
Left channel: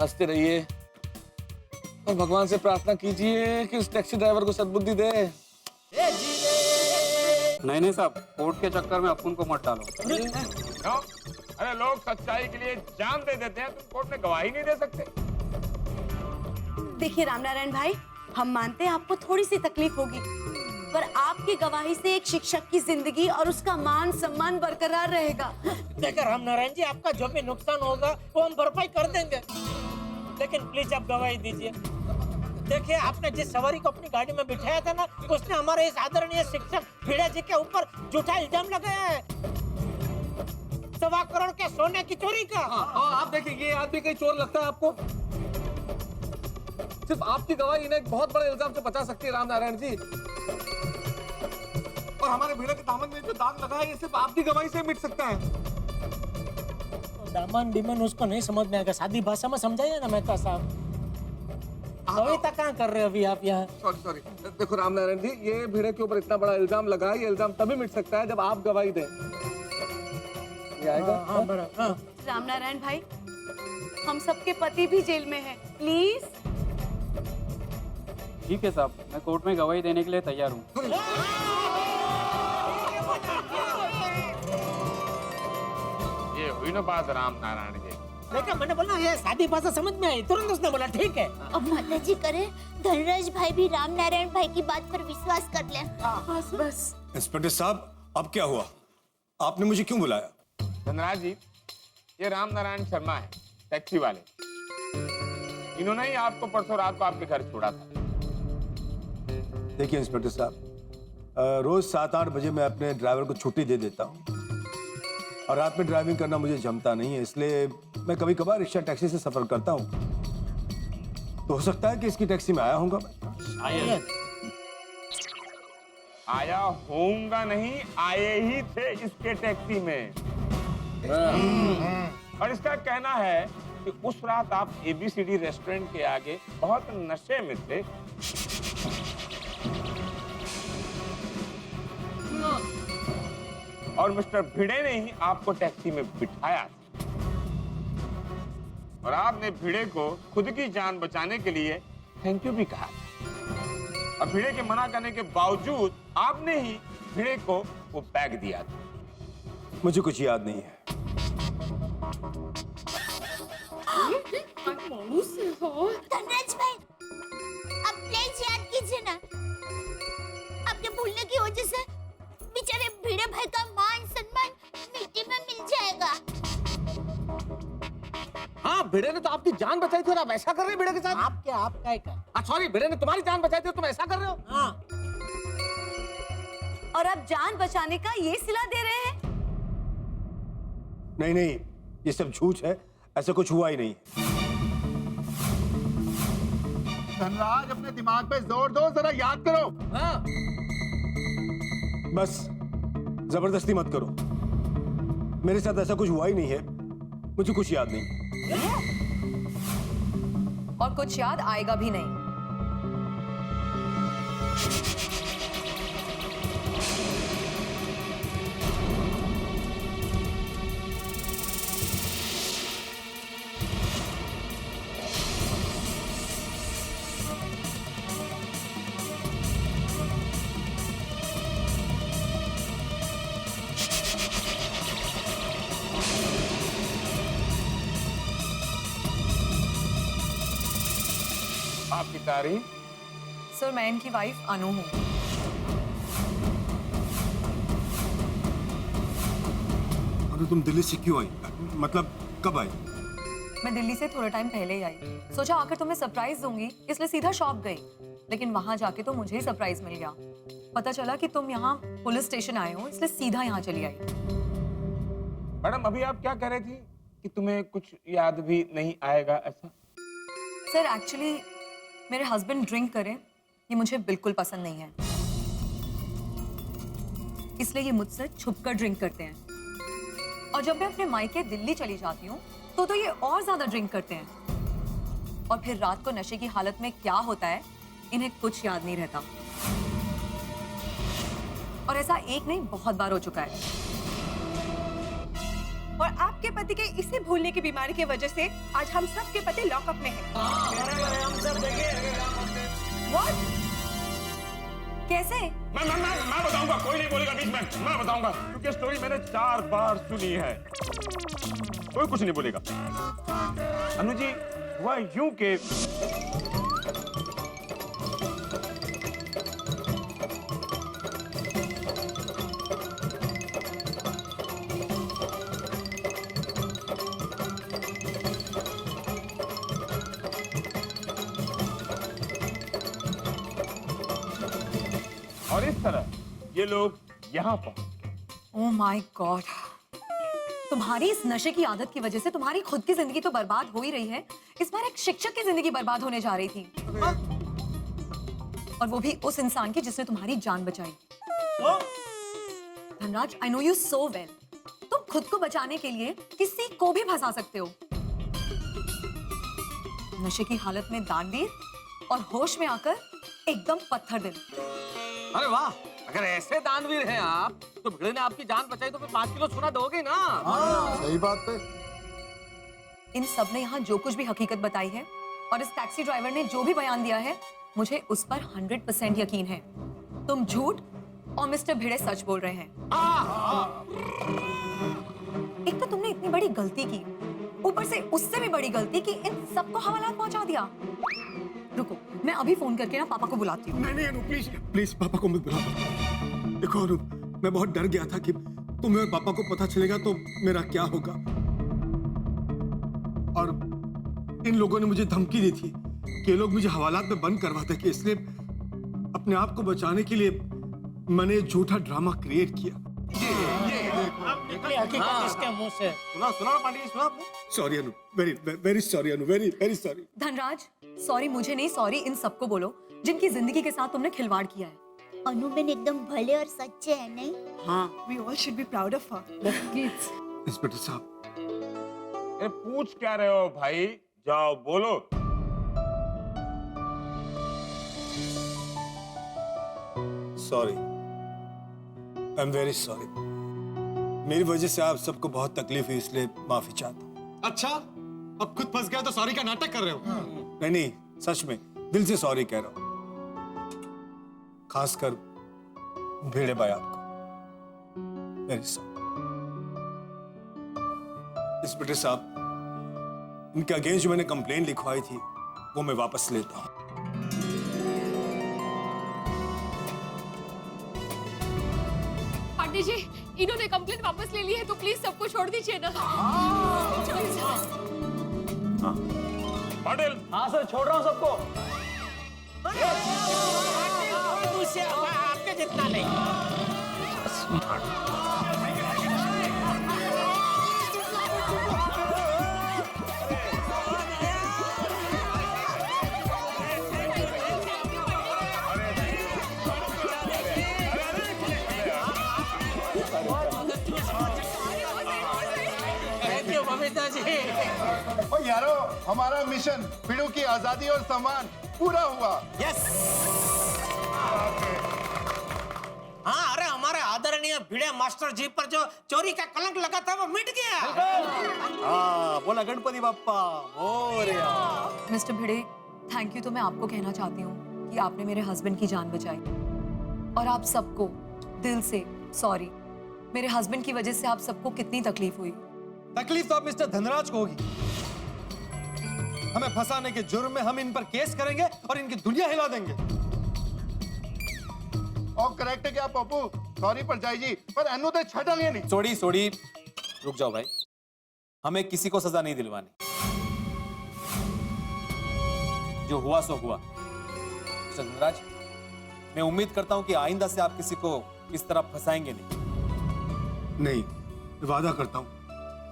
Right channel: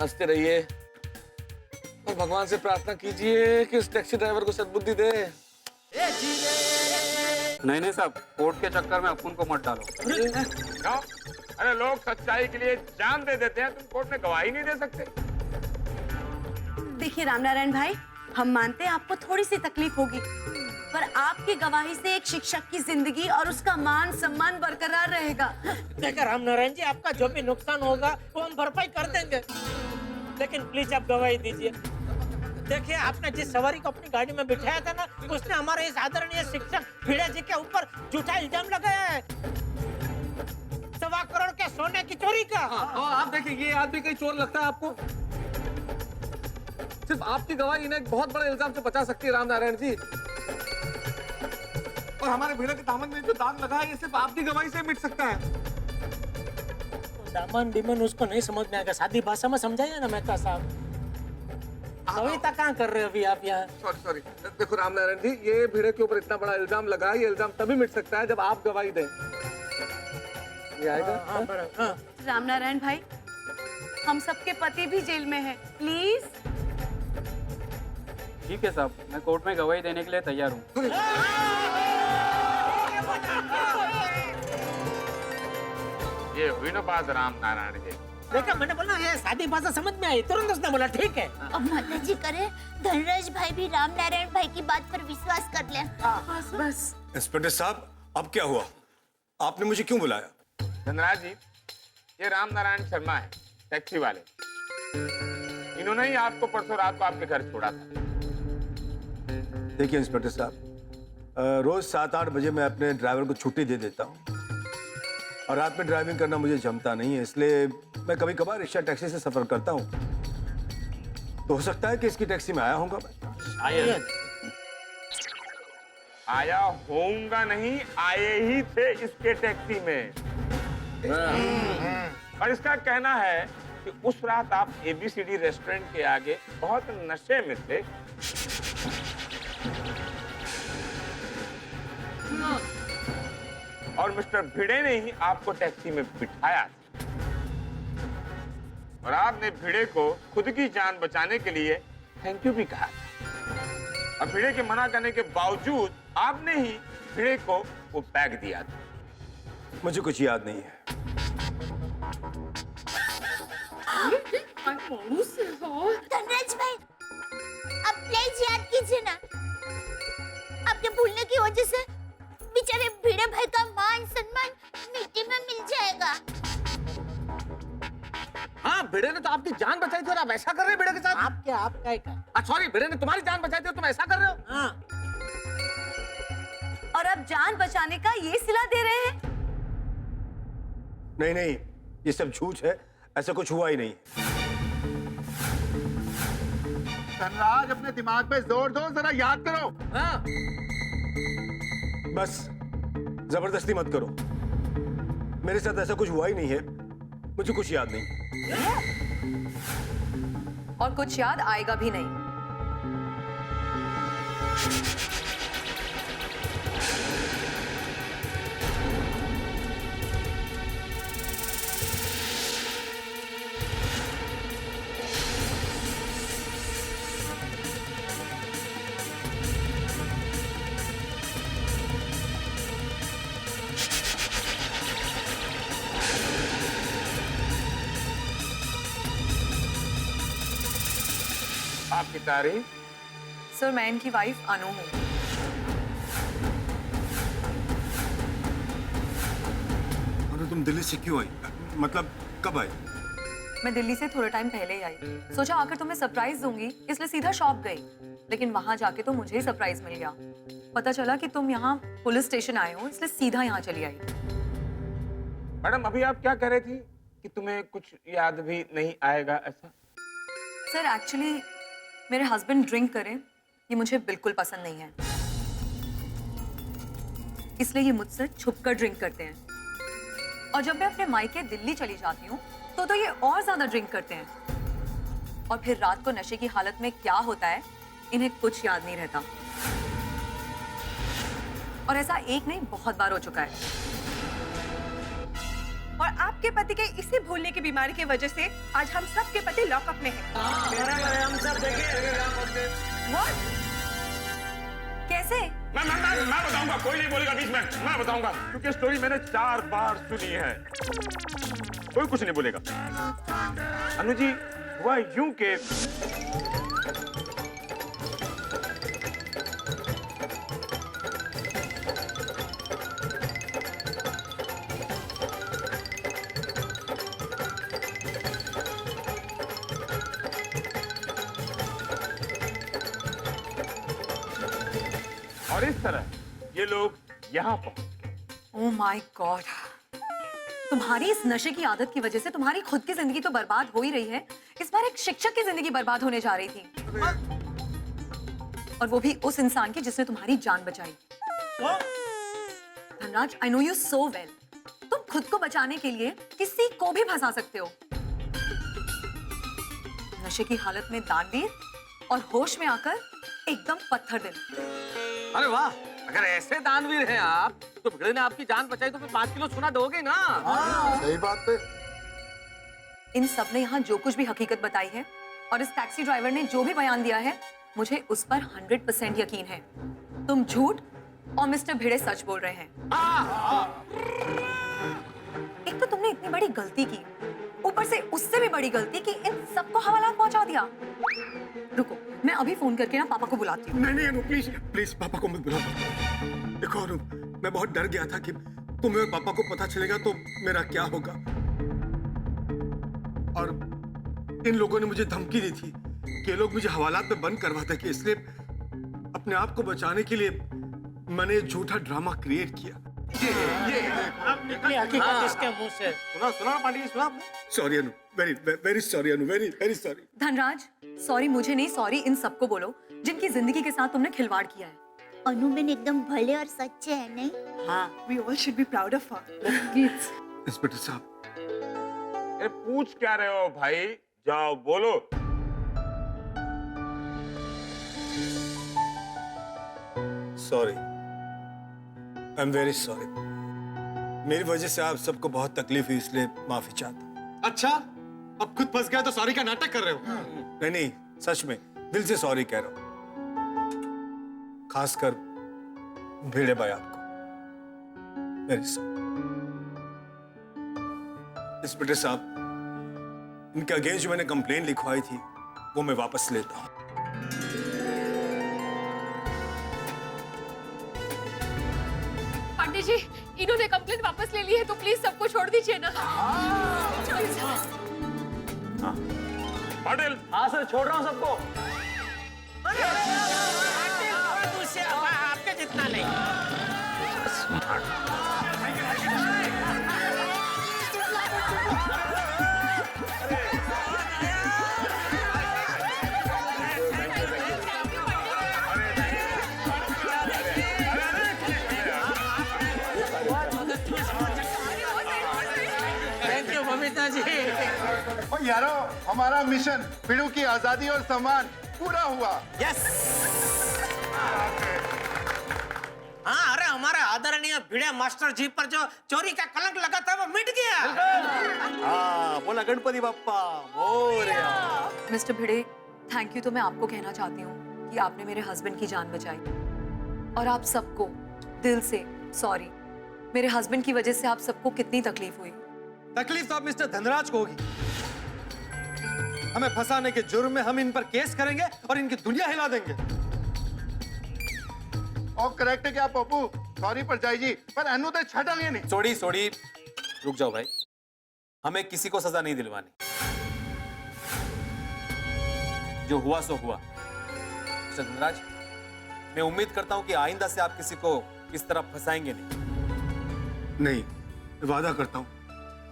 हंसते रहिए, और भगवान से प्रार्थना कीजिए कि इस टैक्सी ड्राइवर को सद्बुद्धि दे। नहीं साहब, कोर्ट के चक्कर में अपन को मत डालो। क्यों? अरे लोग सच्चाई के लिए जान दे देते हैं, तुम कोर्ट में गवाही नहीं दे सकते? देखिए रामनारायण भाई, हम मानते हैं आपको थोड़ी सी तकलीफ होगी, पर आपकी गवाही से एक शिक्षक की जिंदगी और उसका मान सम्मान बरकरार रहेगा। देखिए रामनारायण जी, आपका जो भी नुकसान होगा वो हम भरपाई कर देंगे, लेकिन प्लीज आप गवाही दीजिए। देखिए, आपने जिस सवारी को अपनी गाड़ी में बिठाया था ना, उसने हमारे इस आदरणीय शिक्षक भिड़े जी के ऊपर झूठा इल्जाम लगाया है, 1.25 करोड़ के सोने की चोरी का। आप देखिए, ये आदमी कहीं चोर लगता है आपको? सिर्फ आपकी गवाही इन्हें एक बहुत बड़े इल्जाम से बचा सकती है रामनारायण जी। और हमारे भिड़े के दामन में जो दाग लगा है, ये सिर्फ आपकी गवाही से मिट सकता है। दामन डिमन उसको नहीं समझ में आएगा, सादी भाषा में समझाइए ना मेहता साहब। कविता कहाँ कर रहे हो अभी आप यहाँ? सॉरी। देखो रामनारायण जी, ये भिड़े के ऊपर इतना बड़ा इल्जाम लगा है, ये इल्जाम तभी मिट सकता है जब आप गवाही दें। ये आएगा? हाँ। रामनारायण भाई, हम सबके पति भी जेल में हैं, प्लीज। ठीक है साहब, मैं कोर्ट में गवाही देने के लिए तैयार हूँ। ये हुई ना बात रामनारायण जी। देखा, मैंने बोला ये सादी भाषा समझ में आई, तुरंत उसने बोला ठीक है। अब माता जी करे, धनराज भाई भी रामनारायण भाई की बात पर विश्वास कर ले। बस। इंस्पेक्टर साहब, अब क्या हुआ? आपने मुझे क्यों बुलाया? धनराज जी, ये रामनारायण शर्मा है, टैक्सी वाले। इन्होंने ही आपको परसों रात को आपके घर छोड़ा था। देखिए इंस्पेक्टर साहब, रोज 7-8 बजे मैं अपने ड्राइवर को छुट्टी दे देता हूँ, और रात में ड्राइविंग करना मुझे जमता नहीं है, इसलिए मैं कभी कभार रिक्शा टैक्सी से सफर करता हूँ। तो हो सकता है कि इसकी टैक्सी में आया होऊंगा मैं। आया होऊंगा नहीं, आए ही थे इसके टैक्सी में। और इसका कहना है कि उस रात आप ABCD रेस्टोरेंट के आगे बहुत नशे में थे। और मिस्टर भिड़े ने ही आपको टैक्सी में बिठाया था। और आपने भिड़े को खुद की जान बचाने के लिए थैंक यू भी कहा था। और भिड़े के मना करने के बावजूद आपने ही भिड़े को वो बैग दिया था। मुझे कुछ याद नहीं है। धनराज भाई, अब प्लीज याद कीजिए ना, आपके भूलने की वजह से बेचारे भिड़े भाई का मान सम्मान मिट्टी में मिल जाएगा। हाँ, भिड़े ने तो आपकी जान बचाई थी और आप ऐसा कर रहे हैं भिड़े के साथ? आपका सॉरी, भिड़े ने तुम्हारी जान बचाई थी और तुम ऐसा कर रहे हो? हाँ। और अब जान बचाने का ये सिला दे रहे हैं? नहीं, ये सब झूठ है, ऐसा कुछ हुआ ही नहीं। धनराज, अपने दिमाग पे जोर दो, जरा याद करो। हाँ। बस जबरदस्ती मत करो, मेरे साथ ऐसा कुछ हुआ ही नहीं है, मुझे कुछ याद नहीं। और कुछ याद आएगा भी नहीं। आपकी तारीफ? सर, मैं इनकी वाइफ अनु हूँ। अरे तुम दिल्ली से क्यों आई? मतलब कब आई? मैं दिल्ली से थोड़ा टाइम पहले ही आई। सोचा आकर तुम्हें सरप्राइज दूंगी, इसलिए सीधा शॉप गई। लेकिन वहां जाके तो मुझे ही सरप्राइज मिल गया। पता चला कि तुम यहाँ पुलिस स्टेशन आए हो, इसलिए सीधा यहाँ चली आई। मैडम, अभी आप क्या कह रही थी कि तुम्हें कुछ याद भी नहीं आएगा, ऐसा? सर, एक्चुअली मेरे हस्बैंड ड्रिंक करें, ये मुझे बिल्कुल पसंद नहीं है। इसलिए ये मुझसे छुपकर ड्रिंक करते हैं। और जब मैं अपने मायके दिल्ली चली जाती हूँ तो ये और ज्यादा ड्रिंक करते हैं। और फिर रात को नशे की हालत में क्या होता है इन्हें कुछ याद नहीं रहता। और ऐसा एक नहीं बहुत बार हो चुका है। और आपके पति के इसी भूलने की बीमारी की वजह से आज हम सब के पति लॉकअप में हैं। हम सब What? कैसे? मैं बताऊंगा, कोई नहीं बोलेगा बीच में, मैं बताऊंगा क्योंकि स्टोरी मैंने 4 बार सुनी है। कोई कुछ नहीं बोलेगा। अनु जी, हुआ यूं के और इस तरह ये लोग यहाँ पहुंच। ओह माय गॉड, तुम्हारी इस नशे की आदत की वजह से तुम्हारी खुद की जिंदगी तो बर्बाद हो ही रही है, इस बार एक शिक्षक की जिंदगी बर्बाद होने जा रही थी। और वो भी उस इंसान की जिसने तुम्हारी जान बचाई। Dhanraj, I know you so well, तुम खुद को बचाने के लिए किसी को भी फंसा सकते हो। नशे की हालत में दानवीर और होश में आकर एकदम पत्थर दिल। अरे वाह, अगर ऐसे दानवीर हैं आप तो भिड़े ने आपकी जान बचाई तो फिर 5 किलो सोना दोगे ना। सही बात है। इन सब ने यहाँ जो कुछ भी हकीकत बताई है और इस टैक्सी ड्राइवर ने जो भी बयान दिया है, मुझे उस पर 100% यकीन है। तुम झूठ और मिस्टर भिड़े सच बोल रहे हैं। एक तो तुमने इतनी बड़ी गलती की, ऊपर से उससे भी बड़ी गलती कि इन सबको हवालात पहुंचा दिया। रुको, मैं अभी फोन करके ना पापा को बुलाती हूँ। नहीं अनु, प्लीज प्लीज पापा को मत बुलाओ। देखो अनु, मैं बहुत डर गया था कि तुम्हें और पापा को पता चलेगा तो मेरा क्या होगा। और इन लोगों ने मुझे धमकी दी थी कि ये लोग मुझे हवालात में बंद करवाते कि, इसलिए अपने आप को बचाने के लिए मैंने झूठा ड्रामा क्रिएट किया। अब निकली हकीकत इसके मुंह से। सुना पांडे जी, सुना आपने? Sorry Anu, very very sorry Anu, very very sorry. Dhanraj, sorry मुझे नहीं, सॉरी इन सबको बोलो जिनकी जिंदगी के साथ तुमने खिलवाड़ किया है। अनुबेन एकदम भले और सच्चे हैं, नहीं? हाँ, we all should be proud of her. Inspector साहब, अरे पूछ क्या रहे हो भाई, जाओ बोलो। Sorry, I am very sorry. मेरी वजह से आप सबको बहुत तकलीफ हुई, इसलिए माफी चाहता हूँ। अच्छा, अब खुद फंस गया तो सॉरी का नाटक कर रहे हो? नहीं, सच में दिल से सॉरी कह रहा हूँ, खासकर भिड़े भाई आपको। Very sorry. इंस्पेक्टर साहब, इनके अगेंस्ट जो मैंने कंप्लेन लिखवाई थी वो मैं वापस लेता हूँ। पांडे जी, इन्होंने कंप्लेंट वापस ले ली है तो प्लीज सबको छोड़ दीजिए ना। पाटिल। हाँ सर, छोड़ रहा हूँ सबको। आपके जितना नहीं। थैंक यू ममिता जी। ओ यारो, हमारा मिशन भिड़ू की आजादी और सम्मान पूरा हुआ। यस। हाँ, अरे हमारे आदरणीय भिड़े मास्टर जी पर जो चोरी का कलंक लगा था वो मिट गया। हाँ, बोला Ganpati Bappa Morya. Mister Bhide, thank you तो मैं आपको कहना चाहती हूँ कि आपने मेरे हस्बैंड की जान बचाई। और आप सबको दिल से सॉरी। मेरे हस्बैंड की वजह से आप सबको कितनी तकलीफ हुई। तकलीफ तो अब मिस्टर धनराज को होगी। हमें फंसाने के जुर्म में हम इन पर केस करेंगे और इनकी दुनिया हिला देंगे। और करेक्ट है क्या पप्पू? सॉरी पर जाई जी, पर अनु तो छटेंगे नहीं। सोड़ी, रुक जाओ भाई, हमें किसी को सजा नहीं दिलवानी। जो हुआ सो हुआ। मिस्टर धनराज, मैं उम्मीद करता हूं कि आइंदा से आप किसी को इस तरह फंसाएंगे नहीं। नहीं, वादा करता हूँ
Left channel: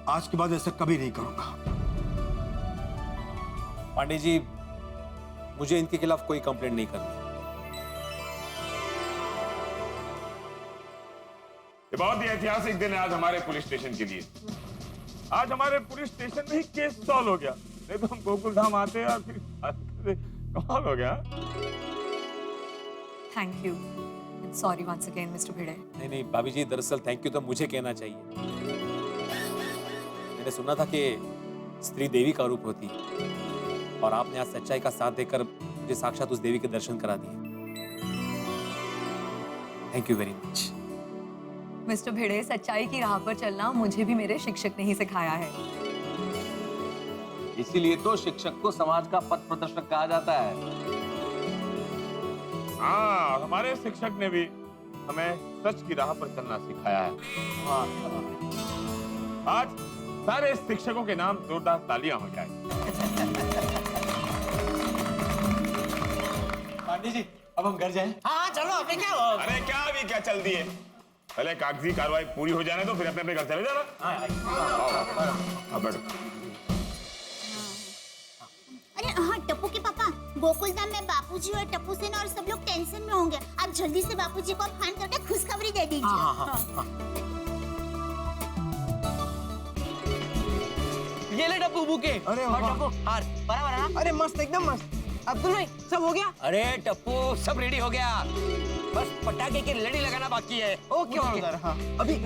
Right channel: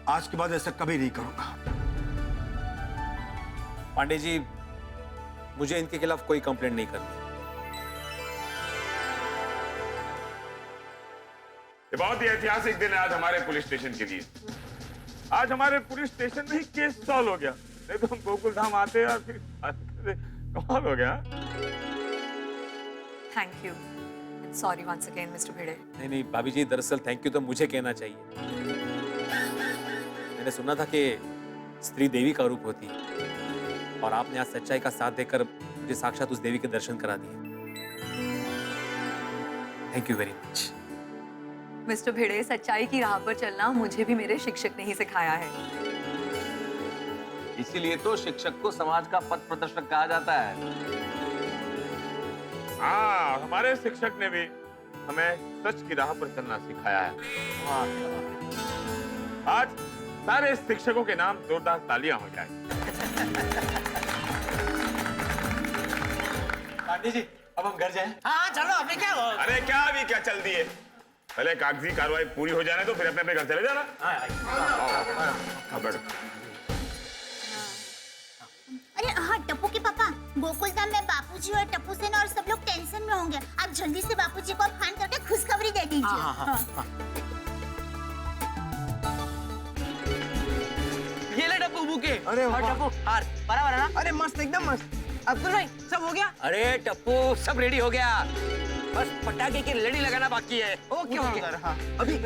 आज के बाद ऐसा कभी नहीं करूंगा। पांडे जी, मुझे इनके खिलाफ कोई कंप्लेंट नहीं करनी। ये बहुत ही ऐतिहासिक दिन है आज हमारे पुलिस स्टेशन के लिए। आज हमारे पुलिस स्टेशन में ही केस सॉल्व हो गया, नहीं तो हम गोकुल धाम आते और फिर कमाल हो गया। Thank you, sorry once again mister Bhide. नहीं नहीं भाभी जी, दरअसल थैंक यू तो मुझे कहना चाहिए। मैंने सुना था कि स्त्री देवी का रूप होती है और आपने आज सच्चाई का साथ देकर मुझे साक्षात उस देवी के दर्शन करा दिए। Thank you very much. Mister Bhide, सच्चाई की राह पर चलना मुझे भी मेरे शिक्षक ने ही सिखाया है। इसीलिए तो शिक्षक को समाज का पथ प्रदर्शक कहा जाता है। हाँ, हमारे शिक्षक ने भी हमें सच की राह पर चलना सिखाया है। आज सारे शिक्षकों के नाम जोरदार तालियां हो जाए। पांडे जी, अब हम घर जाएं? हाँ चलो, अभी क्या हो? अरे क्या अभी क्या चल दिए, पहले कागजी कार्रवाई पूरी हो जाने तो फिर अपने अपने घर चले जाना। आओ, बैठो। अरे हाँ टप्पू के पापा, गोकुलधाम में बापूजी और टप्पू सेना और सब लोग टेंशन में होंगे। आप जल्दी से बापूजी को फोन करके खुशखबरी दे दीजिए। ये ले टप्पू बुके। अरे टप्पू हार बराबर है ना? अरे मस्त, एकदम मस्त। अब्दुल भाई सब हो गया? अरे टप्पू सब रेडी हो गया, बस पटाखे की लड़ी लगाना बाकी है। Okay okay. हाँ अभी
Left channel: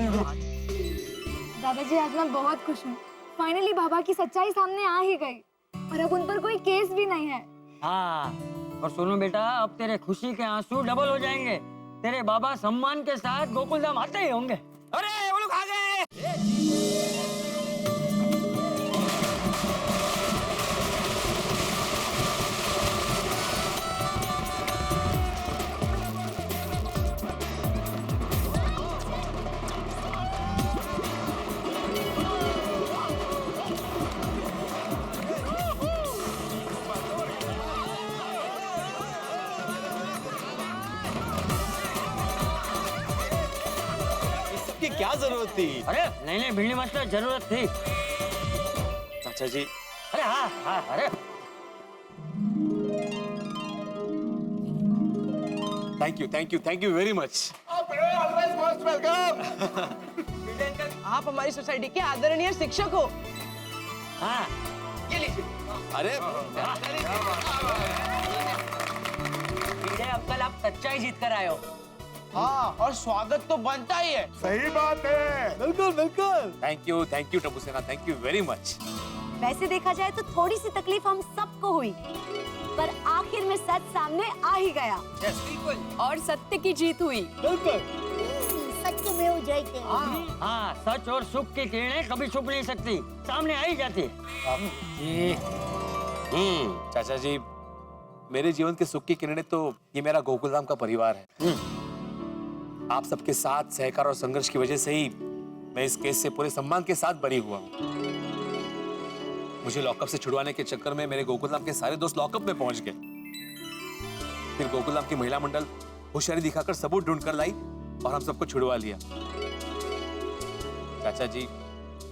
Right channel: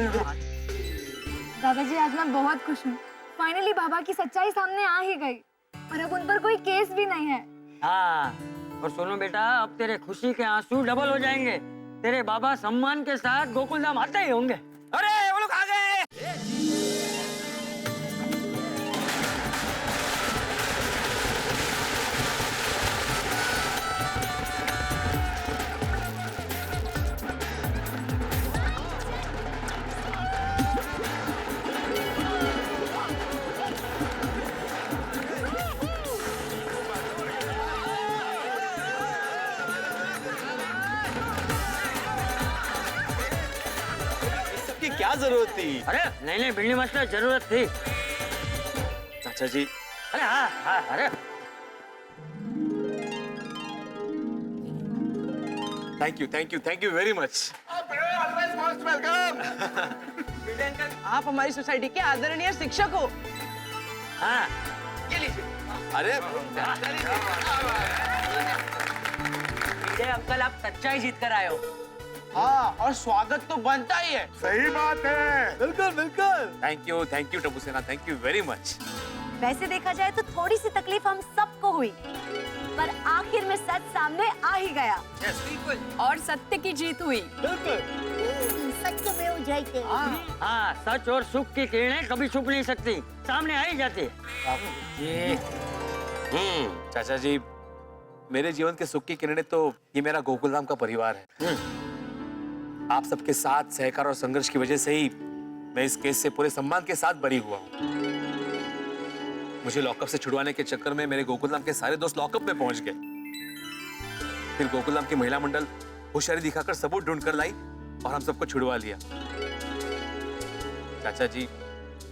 दादा जी, आज मैं बहुत खुश हूँ। फाइनली बाबा की सच्चाई सामने आ ही गई और अब उन पर कोई केस भी नहीं है। हाँ, और सुनो बेटा, अब तेरे खुशी के आंसू डबल हो जाएंगे। तेरे बाबा सम्मान के साथ गोकुलधाम आते ही होंगे। अरे वो लोग आ गए। क्या जरूरत थी? अरे नहीं नहीं भिड़नी मास्टर, जरूरत थी। चाचा जी। अरे हाँ हाँ, अरे थैंक यू वेरी मच। आप हमारी सोसाइटी के आदरणीय शिक्षक हो। हाँ, ये लीजिए। अरे अंकल, आप सच्चाई जीत कर आए हो। हाँ, और स्वागत तो बनता ही है। सही बात है। बिल्कुल बिल्कुल। थैंक यू टप्पू सेना, थैंक यू वेरी मच। वैसे देखा जाए तो थोड़ी सी तकलीफ हम सबको हुई, पर आखिर में सच सामने आ ही गया। और सत्य की जीत हुई। बिल्कुल। सत्य में हो जाते। हाँ, सच और सुख की किरणें कभी छुप नहीं सकती, सामने आ ही जाती है। चाचा जी, मेरे जीवन के सुख की किरणें तो ये मेरा गोकुलधाम का परिवार है। आप सबके साथ सहकार और संघर्ष की वजह से ही मैं इस केस से पूरे सम्मान के साथ बरी हुआ हूँ। मुझे लॉकअप से छुड़वाने के चक्कर में मेरे गोकुलधाम के सारे दोस्त लॉकअप में पहुंच गए। फिर गोकुलधाम की महिला मंडल होशियारी दिखाकर सबूत ढूंढ कर लाई और हम सबको छुड़वा लिया। चाचा जी,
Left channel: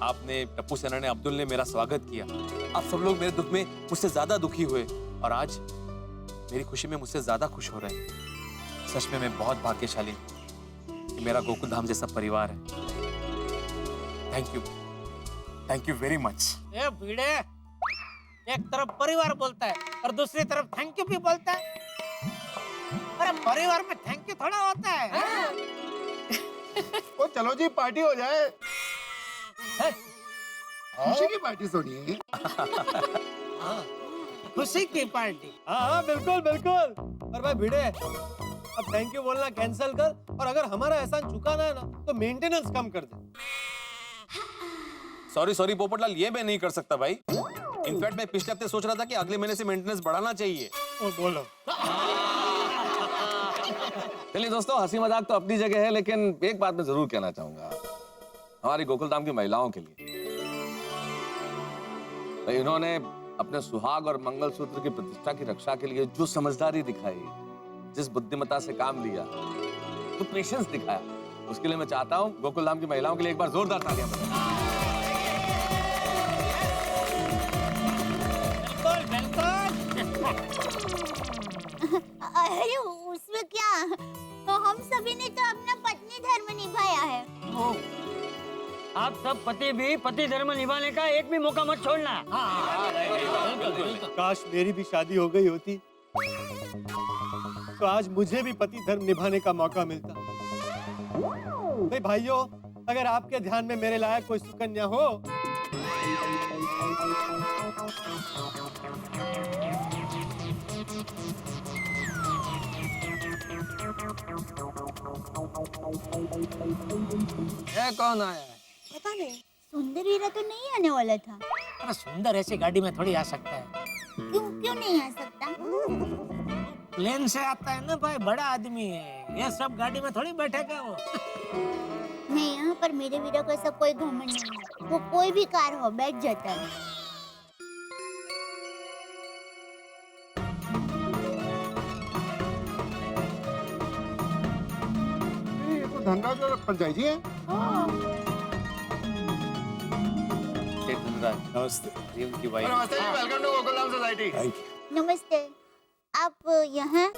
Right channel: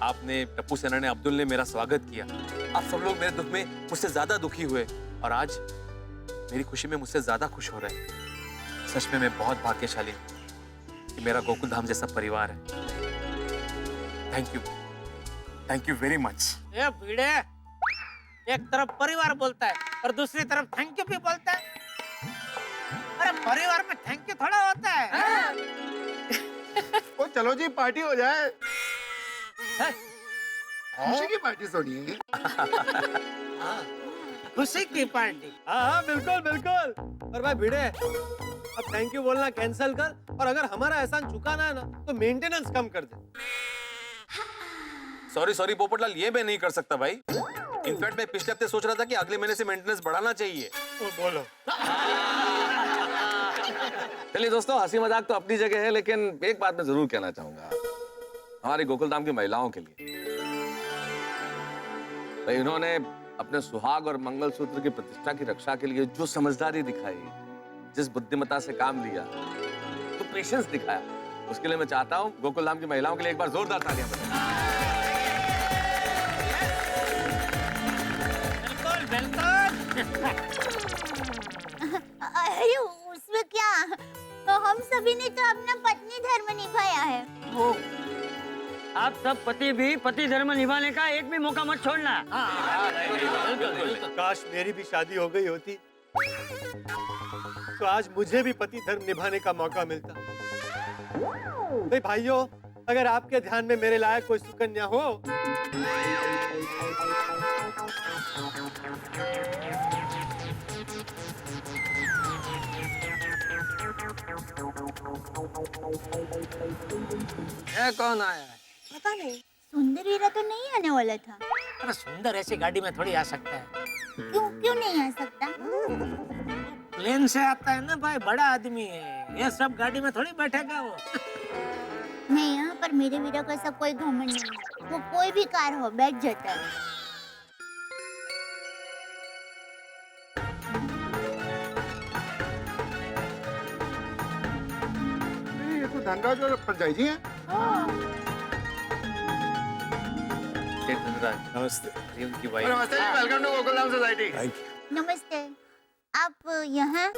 आपने, टप्पू सेना ने, अब्दुल ने मेरा स्वागत किया। आप सब लोग मेरे दुख में मुझसे ज्यादा दुखी हुए और आज मेरी खुशी में मुझसे ज्यादा खुश हो रहे हैं। सच में मैं बहुत भाग्यशाली हूँ कि मेरा गोकुलधाम जैसा परिवार है। Thank you very much. ए भिड़े, एक तरफ परिवार बोलता है और दूसरी तरफ थैंक यू भी बोलता है। अरे परिवार में थैंक यू थोड़ा होता है। ओ चलो जी, पार्टी हो जाए। खुशी की पार्टी सुनिए। खुशी की पार्टी। हाँ बिल्कुल बिल्कुल। और भाई भिड़े, अब थैंक यू बोलना कैंसिल कर और अगर हमारा एहसान चुकाना है ना तो मेंटेनेंस कम कर दे। सॉरी पोपटलाल, ये मैं नहीं कर सकता भाई। इनफैक्ट मैं पिछले हफ्ते सोच रहा था कि अगले महीने से मेंटेनेंस बढ़ाना चाहिए। बोलो। चलिए दोस्तों, हंसी मजाक तो अपनी जगह है, लेकिन एक बात मैं जरूर कहना चाहूंगा हमारी गोकुलधाम की महिलाओं के लिए। भाई इन्होंने अपने सुहाग और मंगलसूत्र की प्रतिष्ठा की रक्षा के लिए जो समझदारी दिखाई, जिस बुद्धिमत्ता से काम लिया, जो पेशेंस दिखाया, उसके लिए मैं चाहता हूँ गोकुलधाम की महिलाओं के लिए एक बार जोरदार तालियां बजाएं। अरे उसमें क्या, तो हम सभी ने तो अपना पत्नी धर्म निभाया है। आप सब पति भी पति धर्म निभाने का एक भी मौका मत छोड़ना। काश मेरी भी शादी हो गई होती तो आज मुझे भी पति धर्म निभाने का मौका मिलता। भाई भाइयों, अगर आपके ध्यान में मेरे लायक कोई सुकन्या हो ये कौन आया है? पता नहीं, सुंदर वीरा तो नहीं आने वाला था। अरे सुंदर ऐसी गाड़ी में थोड़ी आ सकता है। क्यों नहीं आ सकता? प्लेन से आता है ना भाई, बड़ा आदमी है, ये सब गाड़ी में थोड़ी बैठेगा वो। नहीं, यहाँ पर मेरे वीरा को ऐसा कोई घमंड नहीं है। वो कोई भी कार हो बैठ जाता है। ये तो धनराज और परजाई जी हैं। धनराज नमस्ते। उनकी वाइफ। नमस्ते जी, वेलकम टू गोकुलधाम सोसाइटी। नमस्ते। आप यहाँ?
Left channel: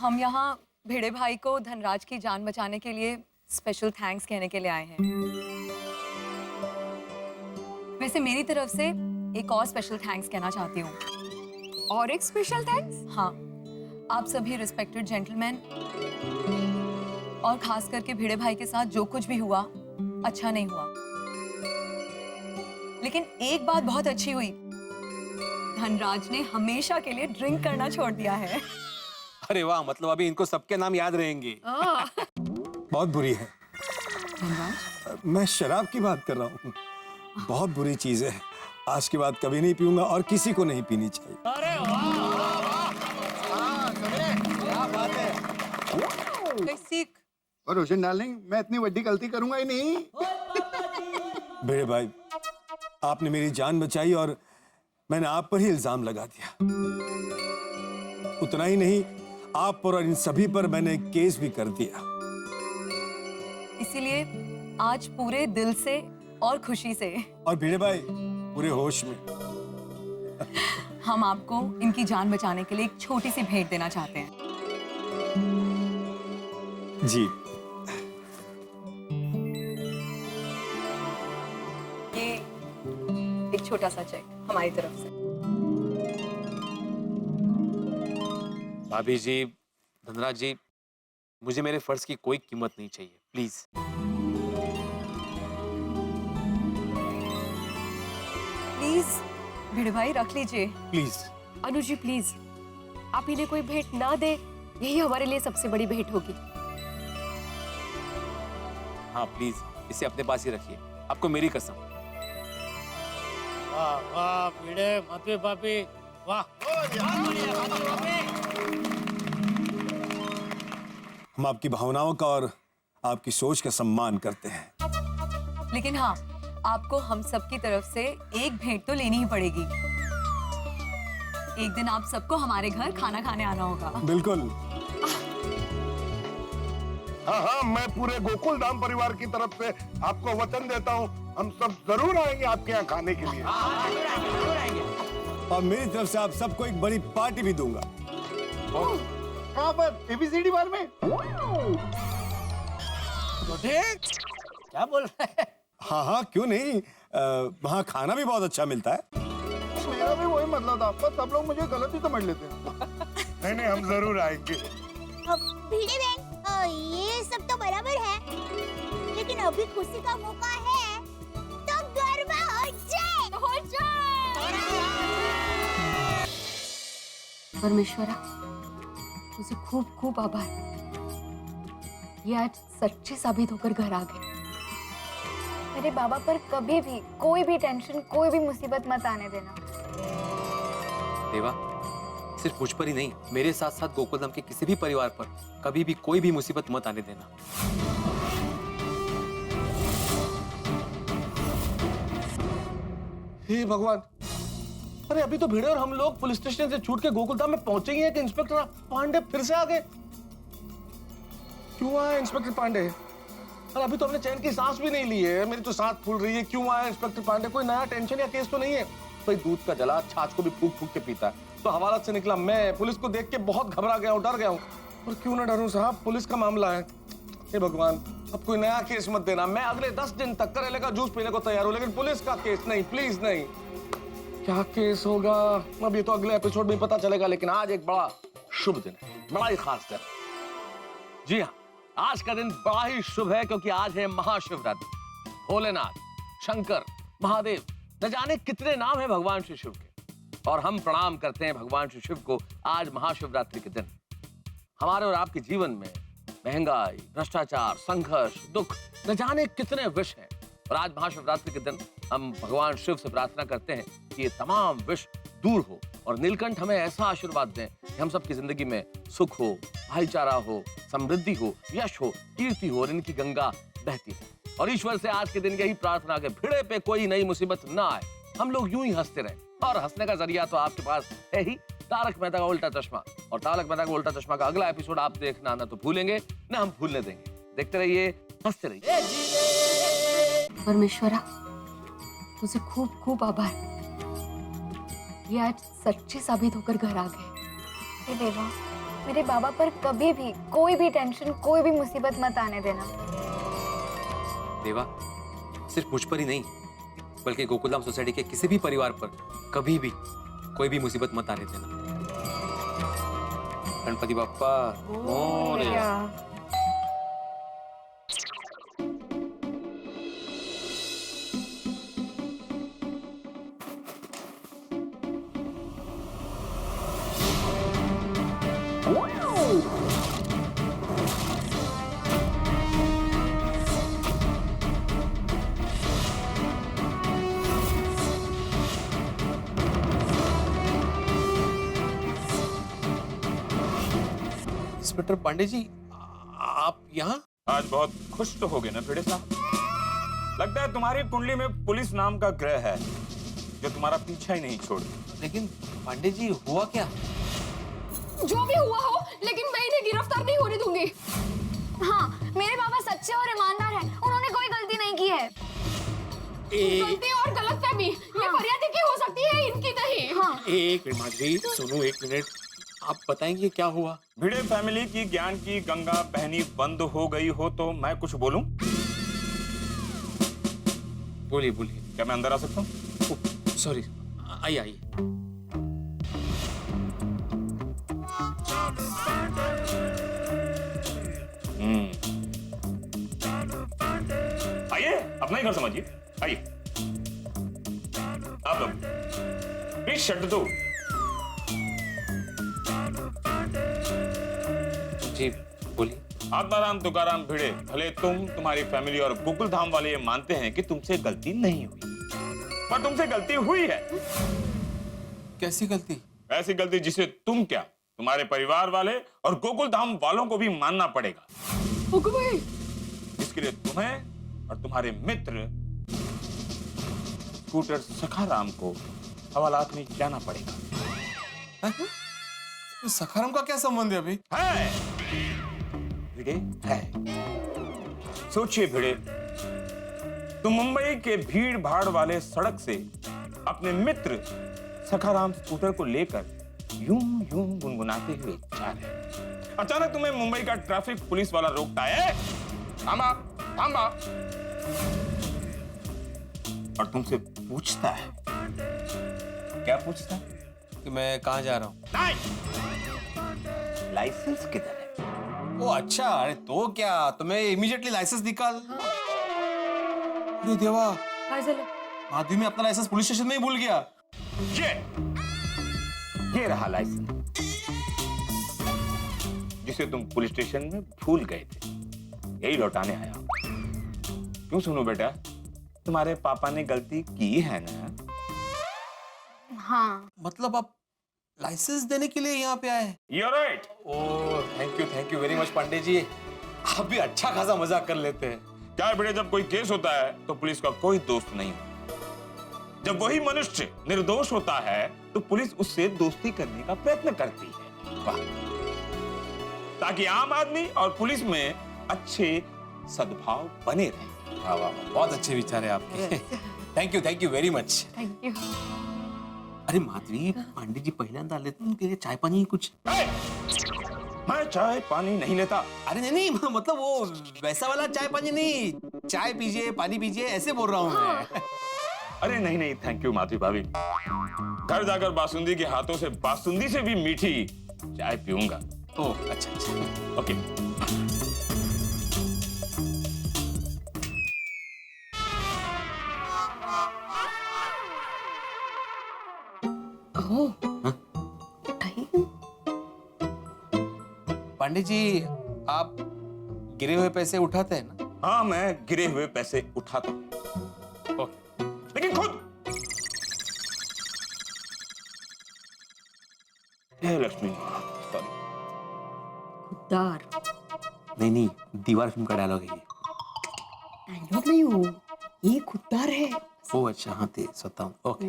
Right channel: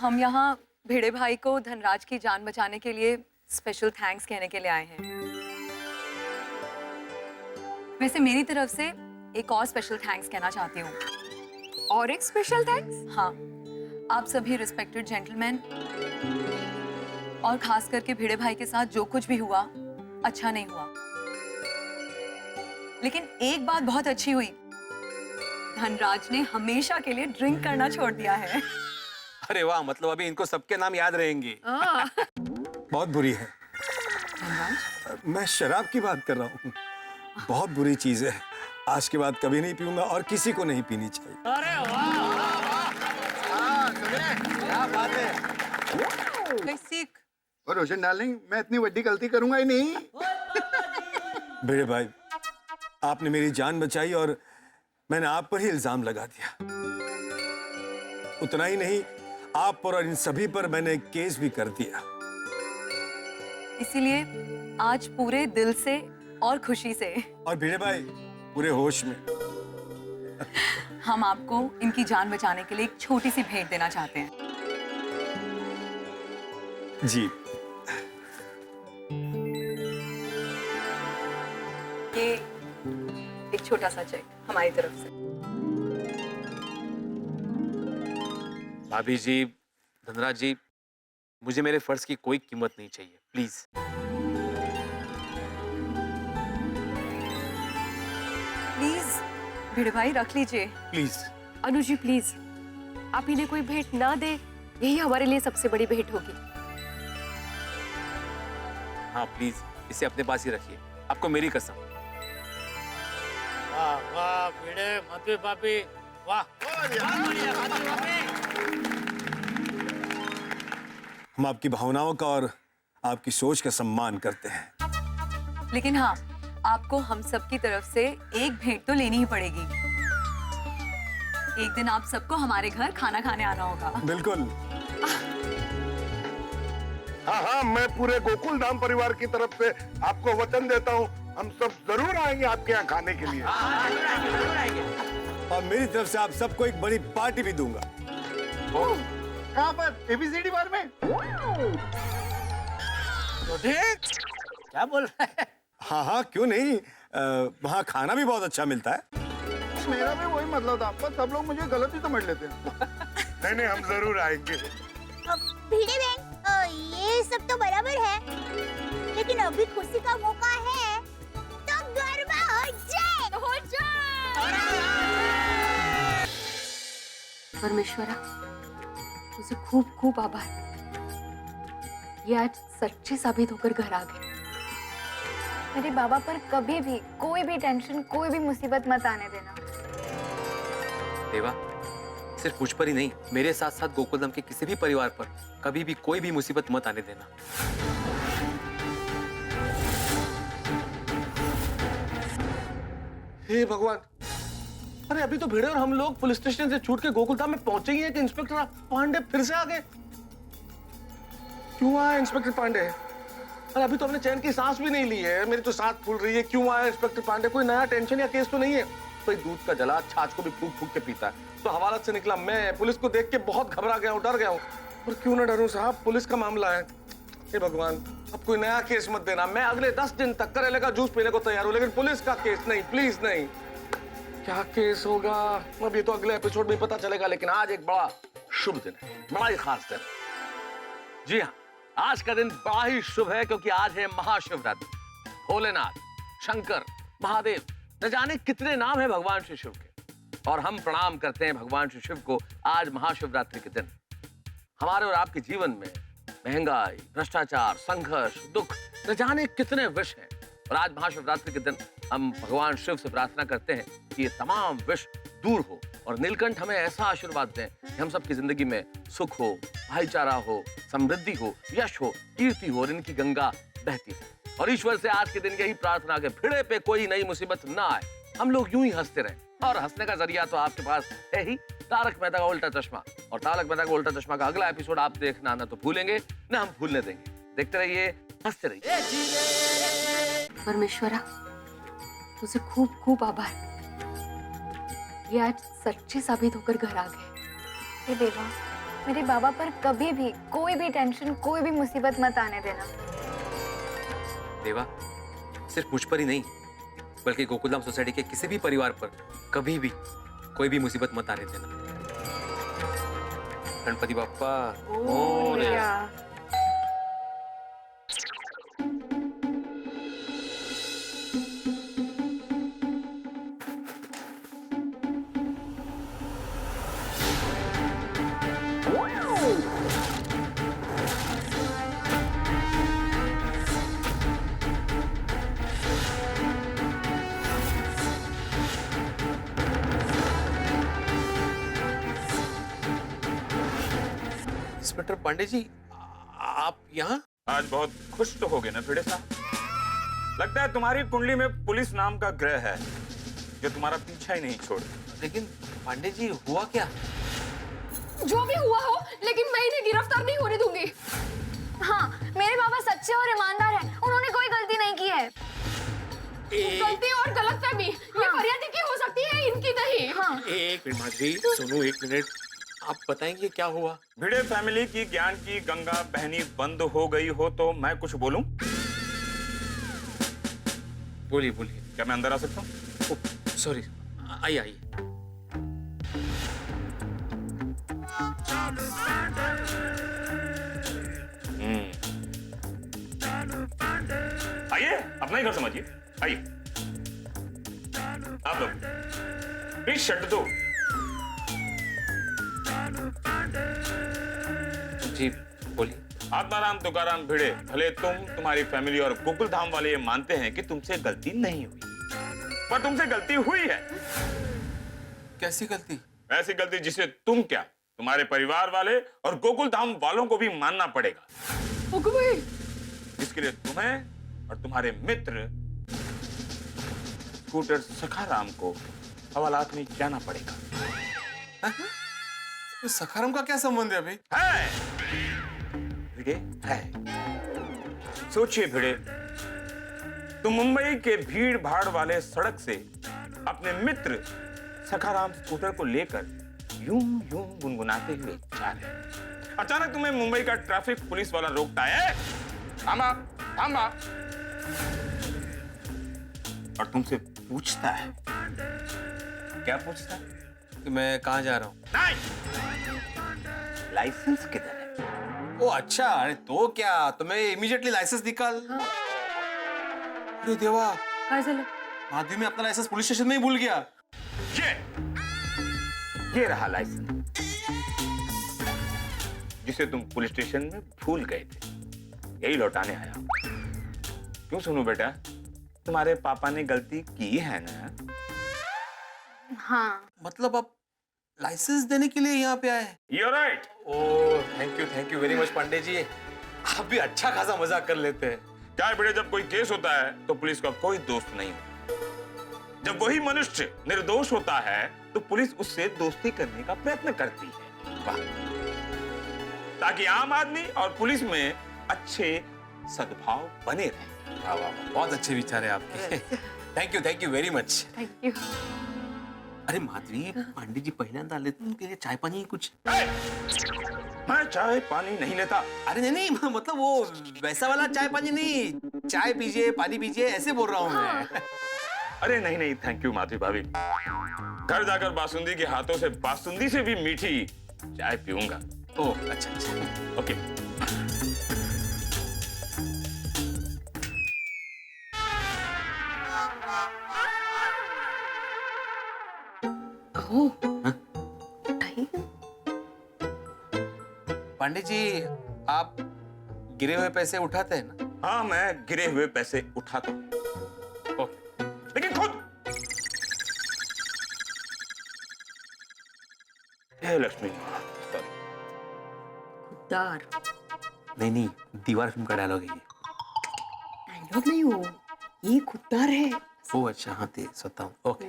हम यहाँ भिड़े भाई को धनराज की जान बचाने के लिए स्पेशल थैंक्स कहने के लिए आए हैं। वैसे मेरी तरफ से एक और स्पेशल थैंक्स कहना चाहती हूँ। और एक स्पेशल थैंक्स? हाँ, आप सभी रिस्पेक्टेड जेंटलमैन और खास करके भिड़े भाई के साथ जो कुछ भी हुआ अच्छा नहीं हुआ, लेकिन एक बात बहुत अच्छी हुई, धनराज ने हमेशा के लिए ड्रिंक करना छोड़ दिया है। अरे वाह, मतलब अभी इनको सबके नाम याद रहेंगे। बहुत बुरी है। मैं शराब की बात कर रहा हूँ। बहुत बुरी चीज है। आज के बाद कभी नहीं पीऊंगा और किसी को नहीं पीनी चाहिए। अरे वाह, क्या बात है। सीख और रोशन डार्लिंग, मैं इतनी बड़ी गलती करूंगा ही नहीं। भिड़े भाई, आपने मेरी जान बचाई और मैंने आप पर ही इल्जाम लगा दिया। उतना ही नहीं, आप पर और इन सभी पर मैंने केस भी कर दिया। इसीलिए आज पूरे दिल से और खुशी से और भिड़े भाई पूरे होश में हम आपको इनकी जान बचाने के लिए एक छोटी सी भेंट देना चाहते हैं। जी, ये एक छोटा सा चेक हमारी तरफ से। भाभी जी, धनराज जी, मुझे मेरे फर्ज की कोई कीमत नहीं चाहिए, प्लीज। प्लीज भिड़े भाई रख लीजिए। प्लीज। अनु जी प्लीज, आप इन्हें कोई भेंट ना दे, यही हमारे लिए सबसे बड़ी भेंट होगी। हाँ प्लीज, इसे अपने पास ही रखिए, आपको मेरी कसम। वाह वाह भिड़े मधु भाभी, वाह। हम आपकी भावनाओं का और आपकी सोच का सम्मान करते हैं, लेकिन हाँ, आपको हम सबकी तरफ से एक भेंट तो लेनी ही पड़ेगी। एक दिन आप सबको हमारे घर खाना खाने आना होगा। बिल्कुल। हाँ हाँ, मैं पूरे गोकुलधाम परिवार की तरफ से आपको वचन देता हूँ, हम सब जरूर आएंगे आपके यहाँ खाने के लिए। और मेरी तरफ से आप सबको एक बड़ी पार्टी भी दूंगा। कहाँ पर? ABCD बार में? तो ठीक, क्या बोल रहे हैं? हाँ हाँ, क्यों नहीं, वहाँ खाना भी बहुत अच्छा मिलता है। मेरा भी वही मतलब था, पर सब लोग मुझे गलत ही समझ लेते हैं। नहीं नहीं, हम जरूर आएंगे। भिड़े बहन, ये सब तो बराबर है, लेकिन अभी खुशी का मौका है, तो गरबा हो जाए। परमेश्वरा, तुझे खूब खूब आभार। ये आज सच्चे साबित होकर घर आ गए। मेरे बाबा पर कभी भी कोई भी टेंशन, कोई भी मुसीबत मत आने देना। देवा, सिर्फ मुझ पर ही नहीं, मेरे साथ साथ गोकुलधाम के किसी भी परिवार पर कभी भी कोई भी मुसीबत मत आने देना। हे भगवान, अरे अभी तो भिड़े और हम लोग पुलिस स्टेशन से छूट के गोकुलधाम में पहुंचे ही हैं कि इंस्पेक्टर पांडे फिर से आ गए। क्यों आया इंस्पेक्टर पांडे? अरे अभी तो हमने चैन की सांस भी नहीं ली है, मेरी तो सांस फूल रही है। क्यों आया इंस्पेक्टर पांडे? कोई नया टेंशन या केस तो नहीं है? भाई दूध का जला छाछ को भी फूक फूक के पीता है, तो हवालात से निकला मैं पुलिस को देख के बहुत घबरा गया हूँ, डर गया हूँ। और क्यों ना डरूं साहब, पुलिस का मामला है। हे भगवान, अब कोई नया केस मत देना। मैं अगले 10 दिन तक करेले का जूस पीने को तैयार हूं, लेकिन पुलिस का केस नहीं, प्लीज नहीं। क्या केस होगा अब ये तो अगले एपिसोड में पता चलेगा, लेकिन आज एक बड़ा शुभ दिन है, बड़ा ही खास दिन। जी हाँ, आज का दिन बड़ा ही शुभ है क्योंकि आज है महाशिवरात्रि। भोलेनाथ, शंकर, महादेव, न जाने कितने नाम है भगवान श्री शिव के, और हम प्रणाम करते हैं भगवान श्री शिव को आज महाशिवरात्रि के दिन। हमारे और आपके जीवन में महंगाई, भ्रष्टाचार, संघर्ष, दुख, न जाने कितने विष हैं, और आज महाशिवरात्रि के दिन हम भगवान शिव से प्रार्थना करते हैं कि ये तमाम विष दूर हो और नीलकंठ हमें ऐसा आशीर्वाद दें कि हम सबकी जिंदगी में सुख हो, भाईचारा हो, समृद्धि हो, यश हो, कीर्ति हो और इनकी गंगा बहती रहे। और ईश्वर से आज के दिन यही प्रार्थना के भिड़े पे कोई नई मुसीबत ना आए, हम लोग यूं ही हंसते रहें। और हंसने का जरिया तो आपके पास है ही, तारक मेहता का उल्टा चश्मा। और तारक मेहता का उल्टा चश्मा का अगला एपिसोड आप देखना ना तो भूलेंगे ना हम भूलने देंगे। देखते रहिए, हंसते रहिए। परमेश्वरा, तुझे खूब खूब आभार, ये आज सच्चे साबित होकर घर आ गए। हे देवा, मेरे बाबा पर कभी भी कोई भी टेंशन, कोई भी मुसीबत मत आने देना। देवा, सिर्फ मुझ पर ही नहीं बल्कि गोकुलधाम सोसाइटी के किसी भी परिवार पर कभी भी कोई भी मुसीबत मत आने देना। गणपति बप्पा मोरया। इंस्पेक्टर पांडे जी, आप यहाँ? आज बहुत खुश तो हो गए ना भिड़े साहब? लगता है तुम्हारी कुंडली में पुलिस नाम का ग्रह है जो तुम्हारा पीछा ही नहीं छोड़। लेकिन पांडे जी, हुआ क्या? जो भी हुआ हो, लेकिन मैं इन्हें गिरफ्तार नहीं होने दूंगी। हाँ, मेरे बाबा सच्चे और ईमानदार हैं, उन्होंने कोई गलती नहीं की है। गलती और गलतफहमी ये फरियादी की हो सकती है, इनकी नहीं। हाँ। एक मिनट माधुरी, सुनो एक मिनट, आप बताएंगे क्या हुआ? भिड़े फैमिली की ज्ञान की गंगा बहनी बंद हो गई हो तो मैं कुछ बोलूं? बोलिए बोलिए। क्या मैं अंदर आ सकता हूँ? सॉरी, आइए आइए। आइए, अपना ही घर समझिए, आइए। आप लोग प्लीज शट दो। जी बोलिए। आत्माराम तुकाराम भिड़े, भले तुम्हारी फैमिली और गोकुलधाम वाले ये मानते हैं कि तुमसे गलती नहीं हुई, पर तुमसे गलती हुई है। कैसी गलती? ऐसी गलती जिसे तुम क्या, तुम्हारे परिवार वाले और गोकुलधाम वालों को भी मानना पड़ेगा। इसके लिए तुम्हें और तुम्हारे मित्र स्कूटर सखाराम को हवालात में जाना पड़ेगा। तो सखाराम का क्या संबंध है अभी? है भिड़े, है। सोचिए भिड़े, तुम मुंबई के भीड़ भाड़ वाले सड़क से अपने मित्र सखाराम स्कूटर को लेकर यूं यूं गुनगुनाते हुए जा रहे हैं। अचानक तुम्हें मुंबई का ट्रैफिक पुलिस वाला रोकता है, थामा थामा, और तुमसे पूछता है। क्या पूछता है? कि मैं कहाँ जा रहा हूँ? नहीं, लाइसेंस किधर है? ओ अच्छा, अरे तो क्या, तुम्हें इमीडिएटली लाइसेंस निकाल। अरे देवा, माधवी में अपना लाइसेंस पुलिस स्टेशन में ही भूल गया। ये रहा लाइसेंस जिसे तुम पुलिस स्टेशन में भूल गए थे, यही लौटाने आया। क्यों सुनू बेटा, तुम्हारे पापा ने गलती की है ना? हाँ। मतलब आप लाइसेंस देने के लिए यहाँ पे आए? You're right. Oh, thank you very much Pandey ji, आप भी अच्छा खासा मजाक कर लेते हैं। क्या है बेटे, जब कोई केस होता है तो पुलिस का कोई दोस्त नहीं होता। जब वही मनुष्य निर्दोष होता है तो पुलिस उससे दोस्ती करने का प्रयत्न करती है। वाह, ताकि आम आदमी और पुलिस में अच्छे सद्भाव बने रहे। वाह वाह, बहुत अच्छे विचार है आपके। Thank you very much. Thank you. अरे माधवी, पांडे जी पहिल्यांदा आले, उनके लिए चाय पानी कुछ? मैं चाय पानी नहीं लेता। अरे नहीं मतलब वो वैसा वाला चाय पानी नहीं, चाय पीजिए पानी पीजिए ऐसे बोल रहा हूँ मैं। अरे नहीं थैंक यू माधवी भाभी, घर जाकर बासुंदी के हाथों से बासुंदी से भी मीठी चाय पीऊंगा। ओह अच्छा अच्छा ओके। पांडे जी आप गिरे हुए पैसे उठाते हैं ना? हाँ मैं गिरे हुए पैसे उठाता हूँ, लेकिन खुद। हे लक्ष्मी सॉरी। खुददार नहीं दीवार फिल्म का डायलॉग है ये। डायलॉग नहीं हो, ये खुददार है। ओह अच्छा हाँ ते स्वतः ओके।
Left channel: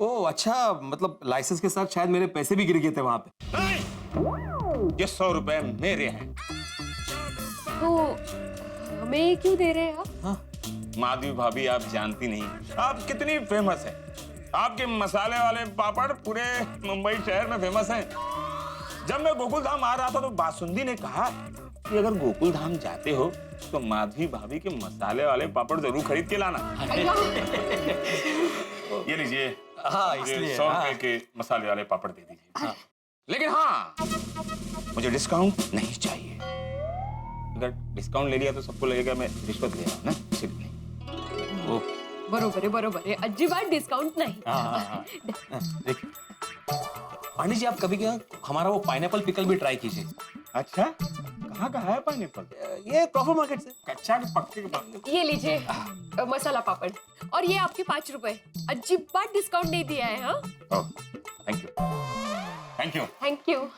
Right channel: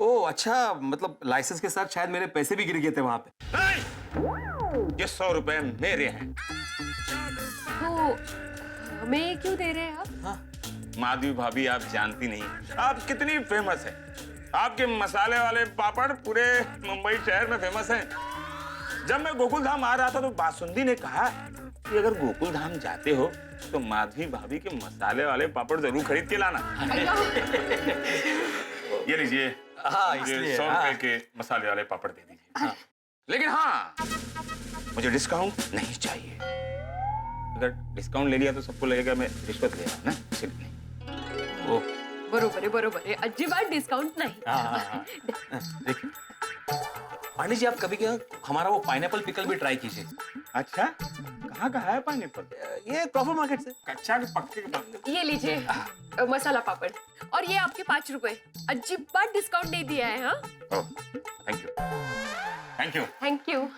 ओह अच्छा मतलब लाइसेंस के साथ शायद मेरे पैसे भी गिर गए थे वहां पे। नहीं, ये 100 रुपए मेरे हैं। तो हमें क्यों दे रहे हैं आप? हाँ। माधवी भाभी आप जानती नहीं आप कितनी फेमस है। आपके मसाले वाले पापड़ पूरे मुंबई शहर में फेमस हैं। जब मैं गोकुल धाम आ रहा था तो बासुंदी ने कहा कि अगर गोकुल धाम जाते हो तो माधवी भाभी के मसाले वाले पापड़ जरूर खरीद के लाना। ये लीजिए, हाँ, मुझे इसलिए, 100 रुपए हाँ। के मसाले वाले पापड़ दे दीजिए। हाँ। लेकिन हाँ मुझे डिस्काउंट नहीं चाहिए। अगर डिस्काउंट ले लिया तो सबको लगेगा मैं रिश्वत ले रहा हूँ ना, इसलिए। बरोबर है अजिबात डिस्काउंट नहीं। देखिए पांडे जी आप कभी क्या हमारा वो पाइनएप्पल पिकल भी ट्राई कीजिए। अच्छा कहाँ का है पाइनएप्पल? ये क्रॉफर्ड मार्केट से। कच्चा के पक्के के पक्के। ये लीजिए मसाला पापड़ और ये आपके 5 रुपए। अजिबात डिस्काउंट नहीं दिया है। हाँ thank you thank you thank you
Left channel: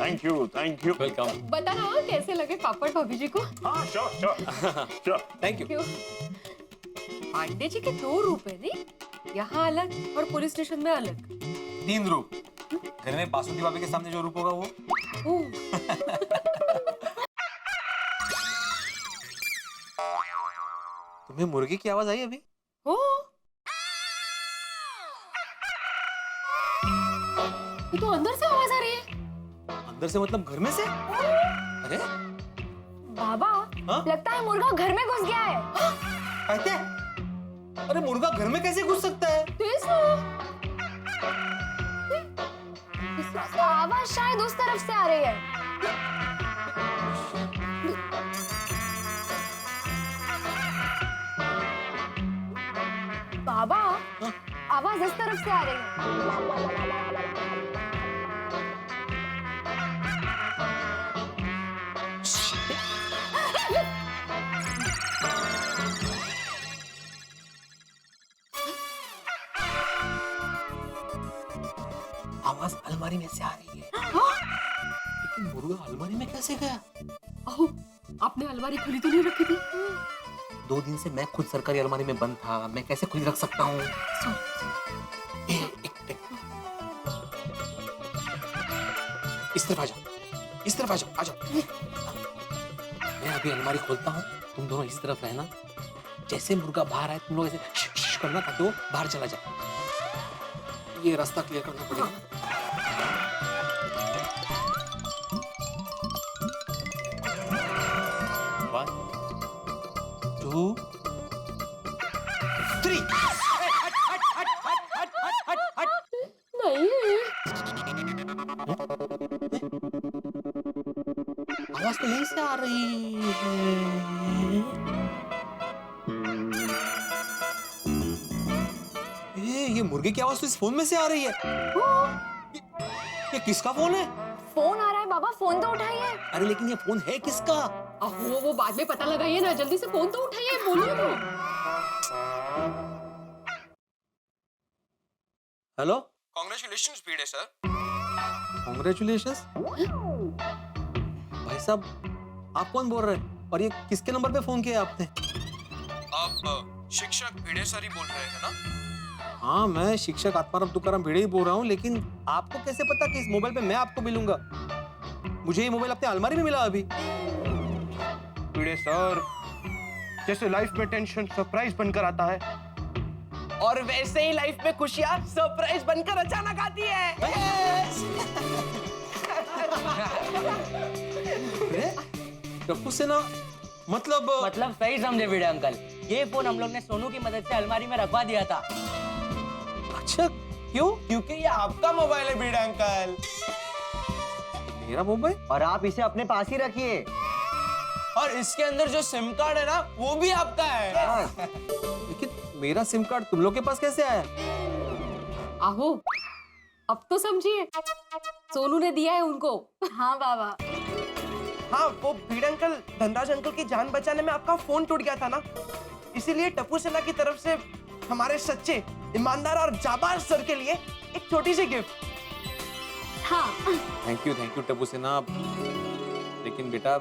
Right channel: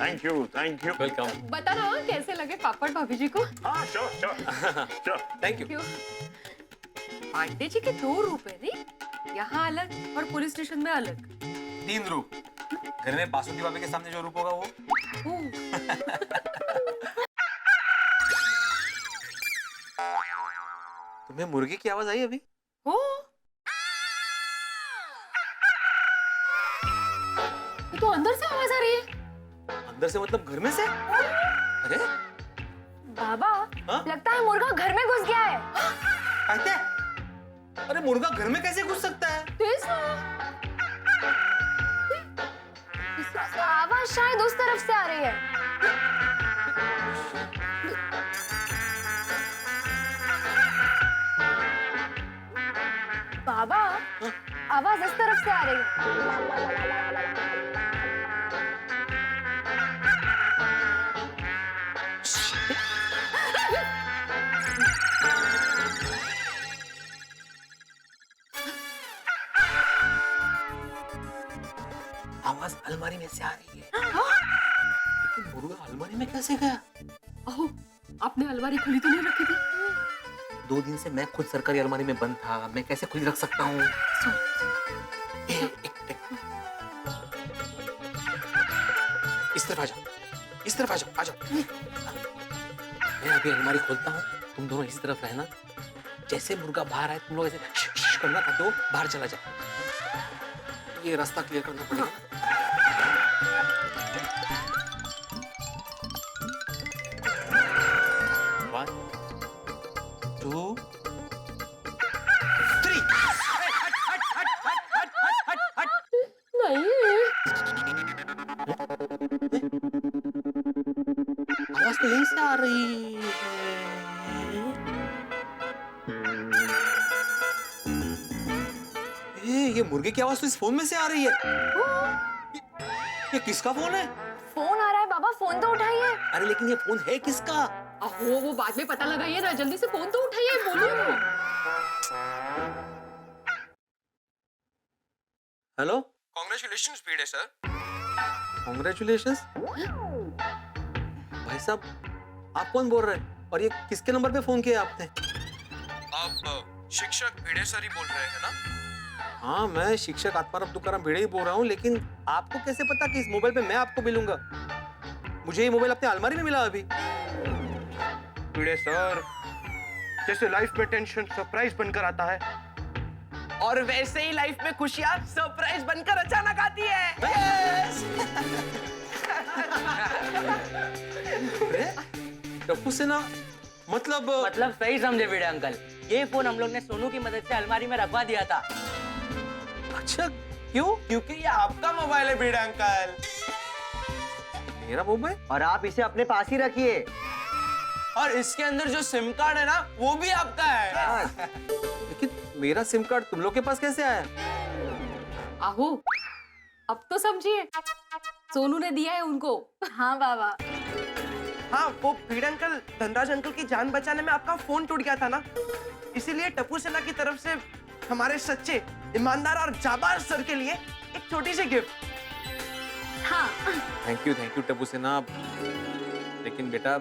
thank you thank you. Welcome. बताना हाँ, कैसे लगे पापड़ भाभी जी को? हाँ sure. Thank you. Pandey ji के 2 रुपए नहीं, यहाँ अलग और पुलिस स्टेशन में अलग। 3 रूप। घर में बासुंदी भाभी के सामने जो रूप होगा वो। तुम्हें मुर्गी की आवाज आई अभी? हो ये तो अंदर से आवाज आ रही है। अंदर से मतलब घर में से? अरे बाबा हाँ? लगता है मुर्गा घर में घुस गया है। कहते? अरे मुर्गा घर में कैसे घुस सकता है? तेज ना। आवाज शायद उस तरफ से आ रही है। बाबा आवाज इस तरफ से आ रही है। आवाज अलमारी में से आ रही है। लेकिन मुर्गा अलमारी में कैसे गया? ओह, आपने अलमारी खुली तो नहीं रखी थी? 2 दिन से मैं खुद सरकारी अलमारी में बंद था, मैं कैसे खुली रख सकता हूँ? इस तरफ आ जाओ, इस तरफ आ जाओ, आ जाओ। मैं अभी अलमारी खोलता हूँ, तुम दोनों इस तरफ रहना। जैसे मुर्गा बाहर आए तुम लोग ऐसे श करना ताकि वो बाहर चला जाए। ये रास्ता क्लियर करना पड़ेगा। One, 2, 3। नहीं आवाज तो यहीं से आ रही है। ये मुर्गे की आवाज तो इस फोन में से आ रही है। ये किसका फोन है? फोन आ रहा है बाबा, फोन तो उठाइए। अरे लेकिन ये फोन है किसका? अहो वो बाद में पता लगाइए ना, जल्दी से फोन तो उठाइए, बोलिए तो। हेलो, कांग्रेचुलेशंस भिड़े सर। कांग्रेचुलेशंस। भाई साहब आप कौन बोल रहे हैं और ये किसके नंबर पे फोन किया आपने? आप शिक्षक भिड़े सर ही बोल रहे हैं ना? हाँ मैं शिक्षक आत्माराम तुकाराम भिड़े ही बोल रहा हूँ, लेकिन आपको कैसे पता कि इस मोबाइल पे मैं आपको मिलूंगा? मुझे ये मोबाइल अपने अलमारी में मिला अभी। भिड़े सर, जैसे लाइफ में टेंशन सरप्राइज बनकर आता है, और वैसे ही लाइफ में खुशियां सरप्राइज बनकर अचानक आती है। टप्पू सेना मतलब सही समझे भिड़े अंकल। ये फोन हम लोग ने सोनू की मदद से अलमारी में रखवा दिया था। अच्छा क्यों? क्योंकि ये आपका मोबाइल है भिड़े अंकल। मेरा मोबाइल? और आप इसे अपने पास ही रखिए। और इसके अंदर जो सिम कार्ड है ना वो भी आपका है। लेकिन मेरा सिम कार्ड तुम लोग के पास कैसे आया? आहो, अब तो समझिए, सोनू ने दिया है उनको। हाँ बाबा। हाँ, वो भिड़े अंकल धनराज अंकल की जान बचाने में आपका फोन टूट गया था ना, इसीलिए टप्पू सेना की तरफ से हमारे सच्चे, ईमानदार और जाबाज सर के लिए एक छोटी सी गिफ्ट। हाँ। थैंक यू टप्पू सेना। लेकिन बेटा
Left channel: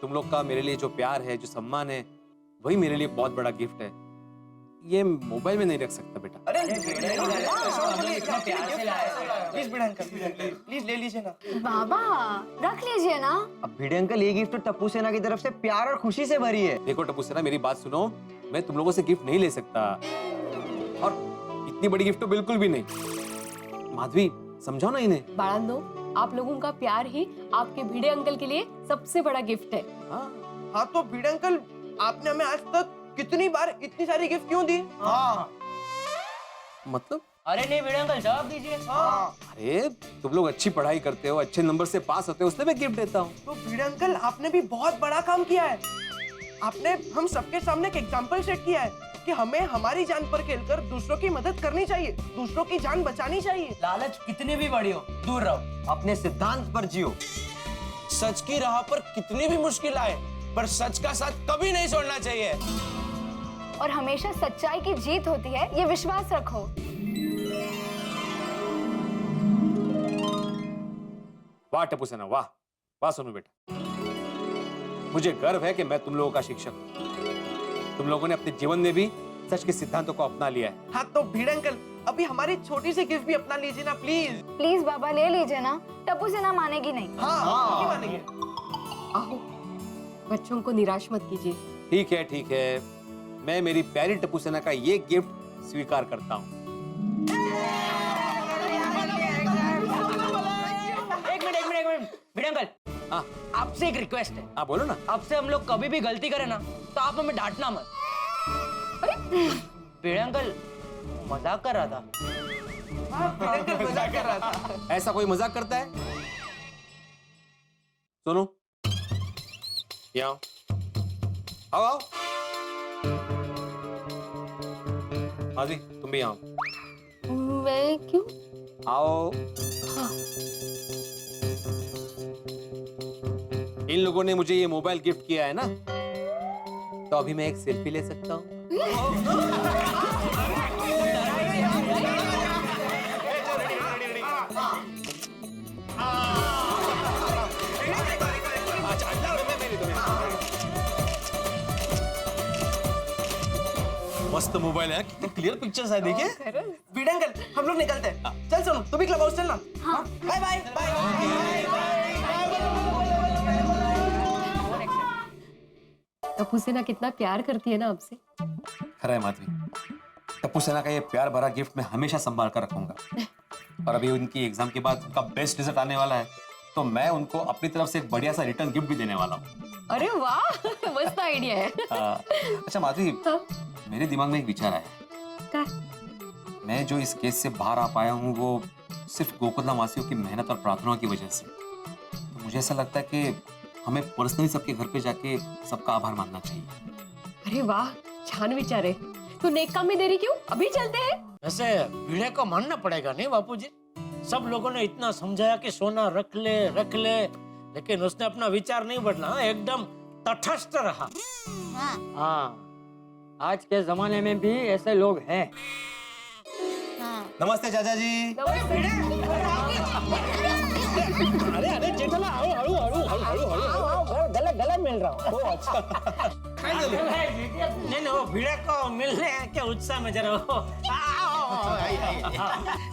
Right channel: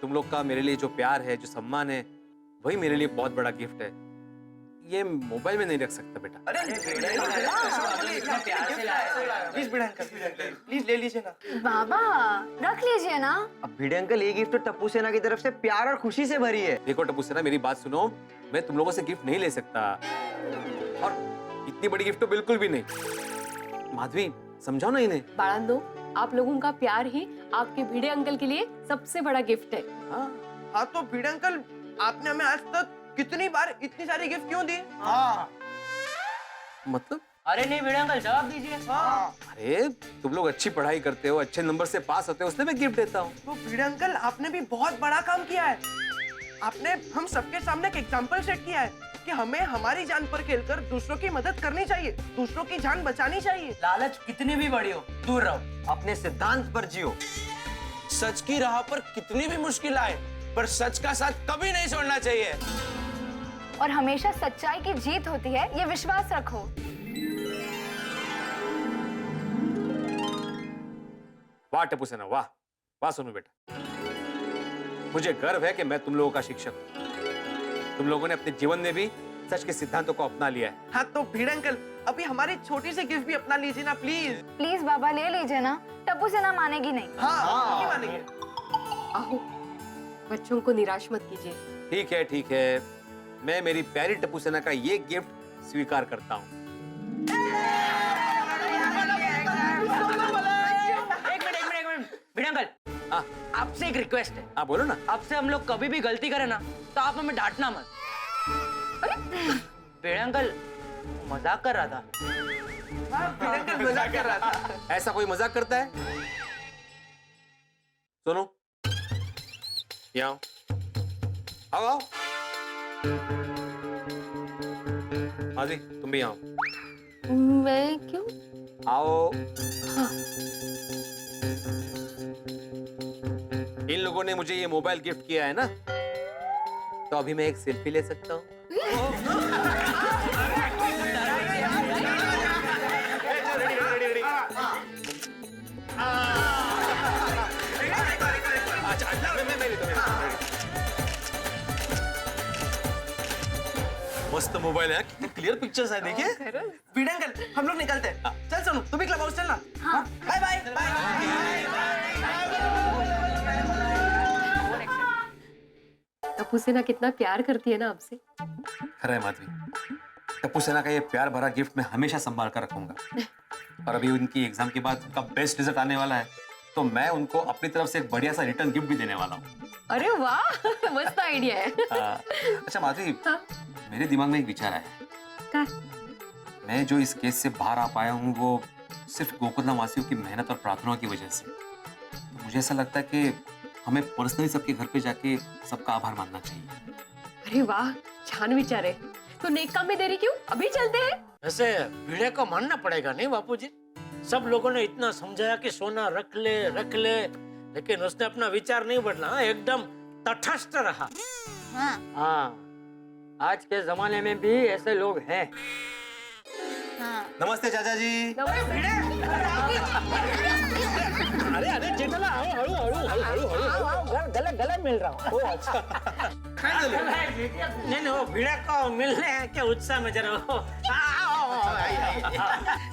तुम लोग का मेरे लिए जो प्यार है, जो सम्मान है, वही मेरे लिए बहुत बड़ा गिफ्ट है। ये मोबाइल में नहीं रख सकता बेटा। अरे प्लीज भिड़े अंकल, प्लीज ले लीजिए ना। बाबा रख लीजिए ना। अब भिड़े अंकल ये गिफ्ट तो टप्पू सेना की तरफ से प्यार और खुशी से भरी है। देखो टप्पू सेना मेरी बात सुनो, मैं तुम लोगों से गिफ्ट नहीं ले सकता, और इतनी बड़ी गिफ्ट तो बिल्कुल भी नहीं। माधवी समझाओ ना इन्हें। बाळांनो, आप लोगों का प्यार ही आपके भिड़े अंकल के लिए सबसे बड़ा गिफ्ट है। हाँ तो भिड़े अंकल, आपने हमें आज तक कितनी बार इतनी सारी गिफ्ट क्यों दी? हाँ। मतलब? अरे नहीं भिड़े अंकल, जवाब दीजिए। हाँ। अरे तुम लोग अच्छी पढ़ाई करते हो, अच्छे नंबर से पास होते हो, उसने मैं गिफ्ट देता हूँ। तो भिड़े अंकल, आपने भी बहुत बड़ा काम किया है। आपने हम सबके सामने एक एग्जाम्पल सेट किया है कि हमें हमारी जान पर खेलकर दूसरों की मदद करनी चाहिए, दूसरों की जान बचानी चाहिए। लालच कितनी भी बड़ी हो, दूर रहो। अपने सिद्धांत पर जियो। सच की राह पर कितनी भी मुश्किल आए, पर सच का साथ कभी नहीं छोड़ना चाहिए। और हमेशा सच्चाई की जीत होती है, ये विश्वास रखो। वाह टप्पू सेना, वाह वाह सोनू बेटा। मुझे गर्व है कि मैं तुम लोगों का शिक्षक हूं। तुम लोगों ने अपने जीवन में भी सच के सिद्धांतों को अपना लिया है। हाँ तो भिड़े अंकल, अभी हमारी छोटी सी गिफ्ट भी अपना लीजिए ना प्लीज। प्लीज बाबा ले लीजिए ना, टप्पू सेना मानेगी नहीं। हाँ, नहीं मानेंगे। आहो, बच्चों को निराश मत कीजिए। ठीक है, मैं मेरी प्यारी टप्पू सेना का ये गिफ्ट स्वीकार करता हूँ। एक मिनट भिड़े अंकल, आपसे एक रिक्वेस्ट है। हाँ बोलो ना। आपसे हम लोग कभी भी गलती करें ना तो आप हमें डांटना मत। भिड़े अंकल मजाक कर रहा था। मजाक कर रहा था। ऐसा कोई मजाक करता है? सोनू यहाँ आओ। आओ माधवी, तुम भी आओ। मैं क्यों? आओ। हाँ। इन लोगों ने मुझे ये मोबाइल गिफ्ट किया है ना, तो अभी मैं एक सेल्फी ले सकता हूँ? मस्त मोबाइल है, कितनी क्लियर पिक्चर्स है, देखिए। भिड़े अंकल, हम लोग निकलते हैं। चल सोनू, तू भी क्लब हाउस चलना। हाँ। Bye bye. टप्पू सेना कितना प्यार करती है ना आपसे। खरा है माधवी, टप्पू सेना का ये प्यार भरा गिफ्ट मैं हमेशा संभाल कर रखूंगा। और अभी उनकी एग्जाम के बाद उनका बेस्ट रिजल्ट आने वाला है, तो मैं उनको अपनी तरफ से एक बढ़िया सा रिटर्न गिफ्ट भी देने वाला हूँ। अरे वाह, मस्त आइडिया है। अच्छा माधवी, मेरे दिमाग में एक विचार आया। क्या? मैं जो इस केस से बाहर आ पाया हूँ वो सिर्फ गोकुलधाम वासियों की मेहनत और प्रार्थनाओं की वजह से। तो मुझे ऐसा लगता है कि हमें पर्सनली सबके घर पे जाके सबका आभार मानना चाहिए। अरे वाह, छान विचार है। तो नेक काम में देरी क्यों? अभी चलते हैं। वैसे भिड़े को मानना पड़ेगा नहीं बापूजी? सब लोगों ने इतना समझाया कि सोना रख ले, लेकिन उसने अपना विचार नहीं बदला, एकदम तटस्थ रहा। हाँ, आज के जमाने में भी ऐसे लोग हैं। नमस्ते चाचा जी। अरे जेठला, आओ, गले मिल रहा हूँ। अच्छा। नहीं, वो भिड़े को मिलने के उत्साह में जरा वो।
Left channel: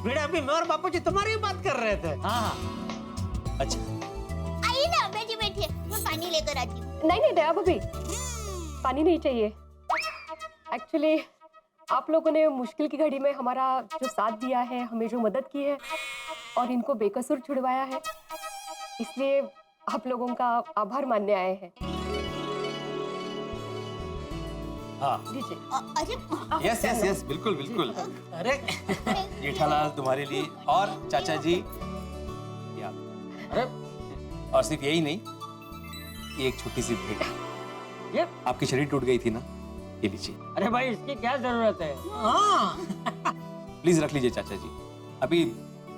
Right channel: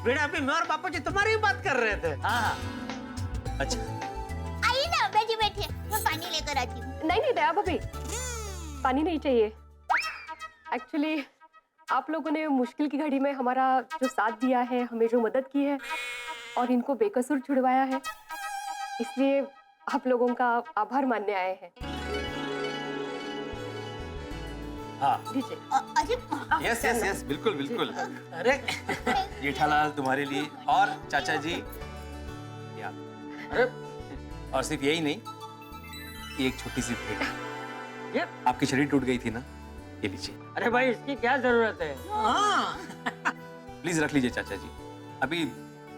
भिड़े, अभी मैं और बापू जी तुम्हारी ही बात कर रहे थे। हाँ। अच्छा। आइए ना, बैठिए, मैं पानी लेकर आती हूँ। नहीं दया भाभी, पानी नहीं चाहिए। एक्चुअली आप लोगों ने मुश्किल की घड़ी में हमारा जो साथ दिया है, हमें जो मदद की है और इनको बेकसूर छुड़वाया है, इसलिए आप लोगों का आभार मानने आए हैं। हाँ लीजिए। अरे यस यस यस, बिल्कुल बिल्कुल। अरे जेठालाल तुम्हारे लिए, और चाचा जी या अरे और सिर्फ यही नहीं, ये एक छोटी सी भेंट। ये आपकी शरीर टूट गई थी ना, ये लीजिए। अरे भाई इसकी क्या जरूरत है? प्लीज रख लीजिए चाचा जी। अभी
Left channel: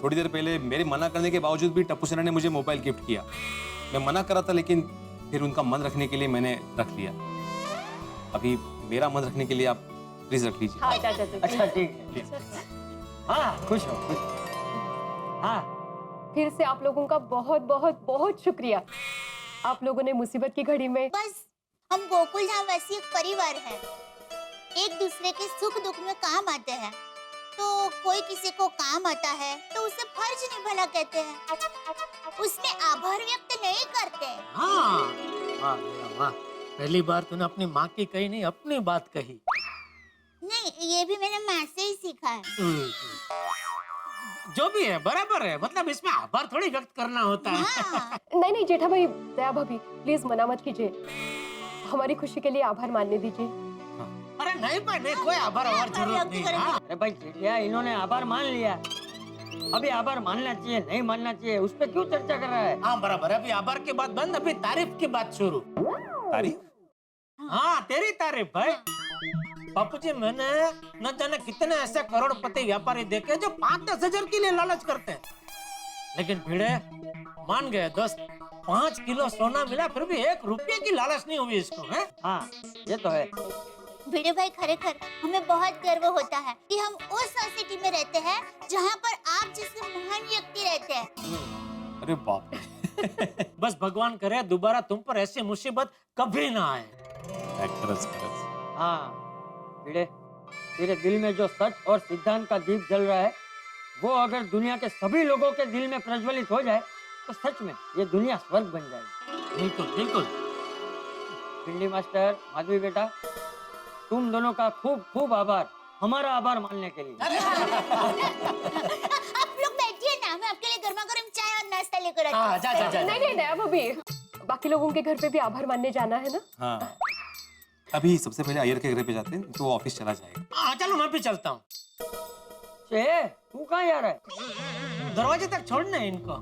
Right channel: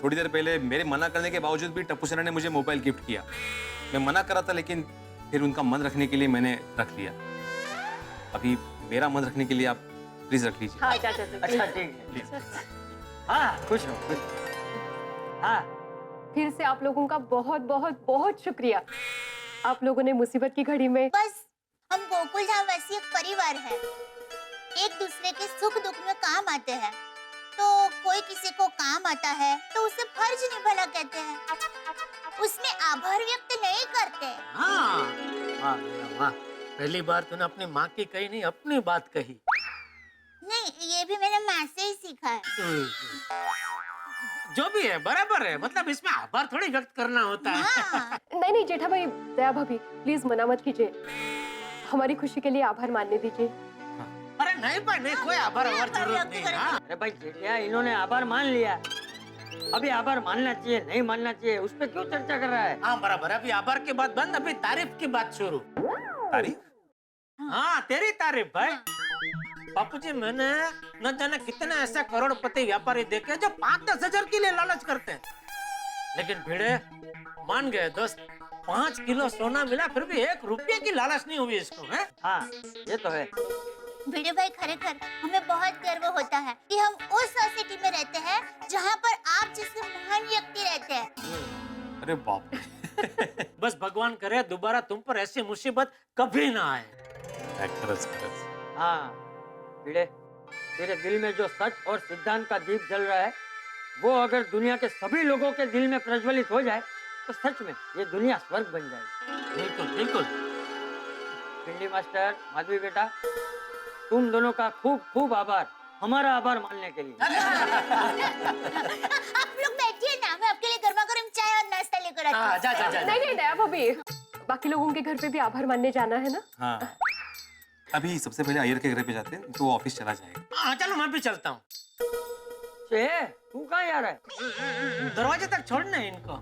थोड़ी देर पहले मेरे मना करने के बावजूद भी टप्पू सेना ने मुझे मोबाइल गिफ्ट किया। मैं मना कर रहा था, लेकिन फिर उनका मन रखने के लिए मैंने रख लिया। अभी मेरा मन रखने के लिए आप प्लीज रख लीजिए। हाँ चाचा जी। अच्छा ठीक है। हाँ खुश हो, खुश हो। हाँ फिर से आप लोगों का बहुत बहुत बहुत शुक्रिया। आप लोगों ने मुसीबत की घड़ी में बस हम गोकुल धाम वासी एक परिवार है, एक दूसरे के सुख दुख में काम आते हैं। तो कोई किसी को काम आता है तो उसे फर्ज निभाना कहते हैं, उसमें आभार व्यक्त नहीं करते। हाँ वाह बेटा वाह, पहली बार तूने अपनी माँ की कही नहीं, अपनी बात कही। नहीं, ये भी मैंने माँ से ही सीखा है। जो भी है बराबर है, मतलब इसमें आभार थोड़ी व्यक्त करना होता है। नहीं नहीं जेठा भाई, दया भाभी प्लीज मना मत कीजिए, हमारी खुशी के लिए आभार मानने दीजिए। अरे नहीं भाई नहीं, कोई आभार जरूरत नहीं। हाँ? अरे भाई जेठिया, इन्होंने आभार मान लिया, अभी आभार मानना चाहिए नहीं मानना चाहिए उस पर क्यों चर्चा कर रहा है? हाँ बराबर है, अभी आभार की बात बंद, अभी तारीफ की बात शुरू। तारीफ? हाँ तेरी तारीफ भाई। बापू जी, मैंने न जाने कितने ऐसे करोड़पति व्यापारी देखे जो 5-10 हजार के लिए लालच करते हैं, लेकिन भिड़े मान गए दोस्त। 5 किलो सोना मिला फिर भी 1 रुपये की लालच नहीं हुई इसको। है हाँ ये तो है। भिड़े भाई, खरेखर हमें बहुत गर्व होता है कि हम उस सोसाइटी में रहते हैं जहाँ पर आप जैसे महान व्यक्ति रहते हैं। अरे बाप बस भगवान करे दोबारा तुम पर ऐसी मुसीबत कभी ना आए। हाँ भिड़े, तेरे दिल में जो सच और सिद्धांत का दीप जल रहा है, वो अगर दुनिया के सभी लोगों के दिल में प्रज्वलित हो जाए तो सच में ये दुनिया स्वर्ग बन जाएगी। बिल्कुल बिल्कुल। भिंडी मास्टर, माधवी बेटा, तुम दोनों का खूब खूब आभार, हमारा आभार मानने के लिए। आप लोग बैठिए ना, मैं आपके लिए गर्मा गर्म चाय और नाश्ता लेकर आती हूँ। नहीं नहीं दया भाभी, बाकी लोगों के घर पे भी आभार मानने जाना है ना। हाँ, अभी सबसे पहले अय्यर के घर पे जाते हैं, तो वो ऑफिस चला जाएगा। हाँ चलो मैं भी चलता हूँ। तू कहाँ जा रहा है? दरवाजे तक छोड़ना है इनको।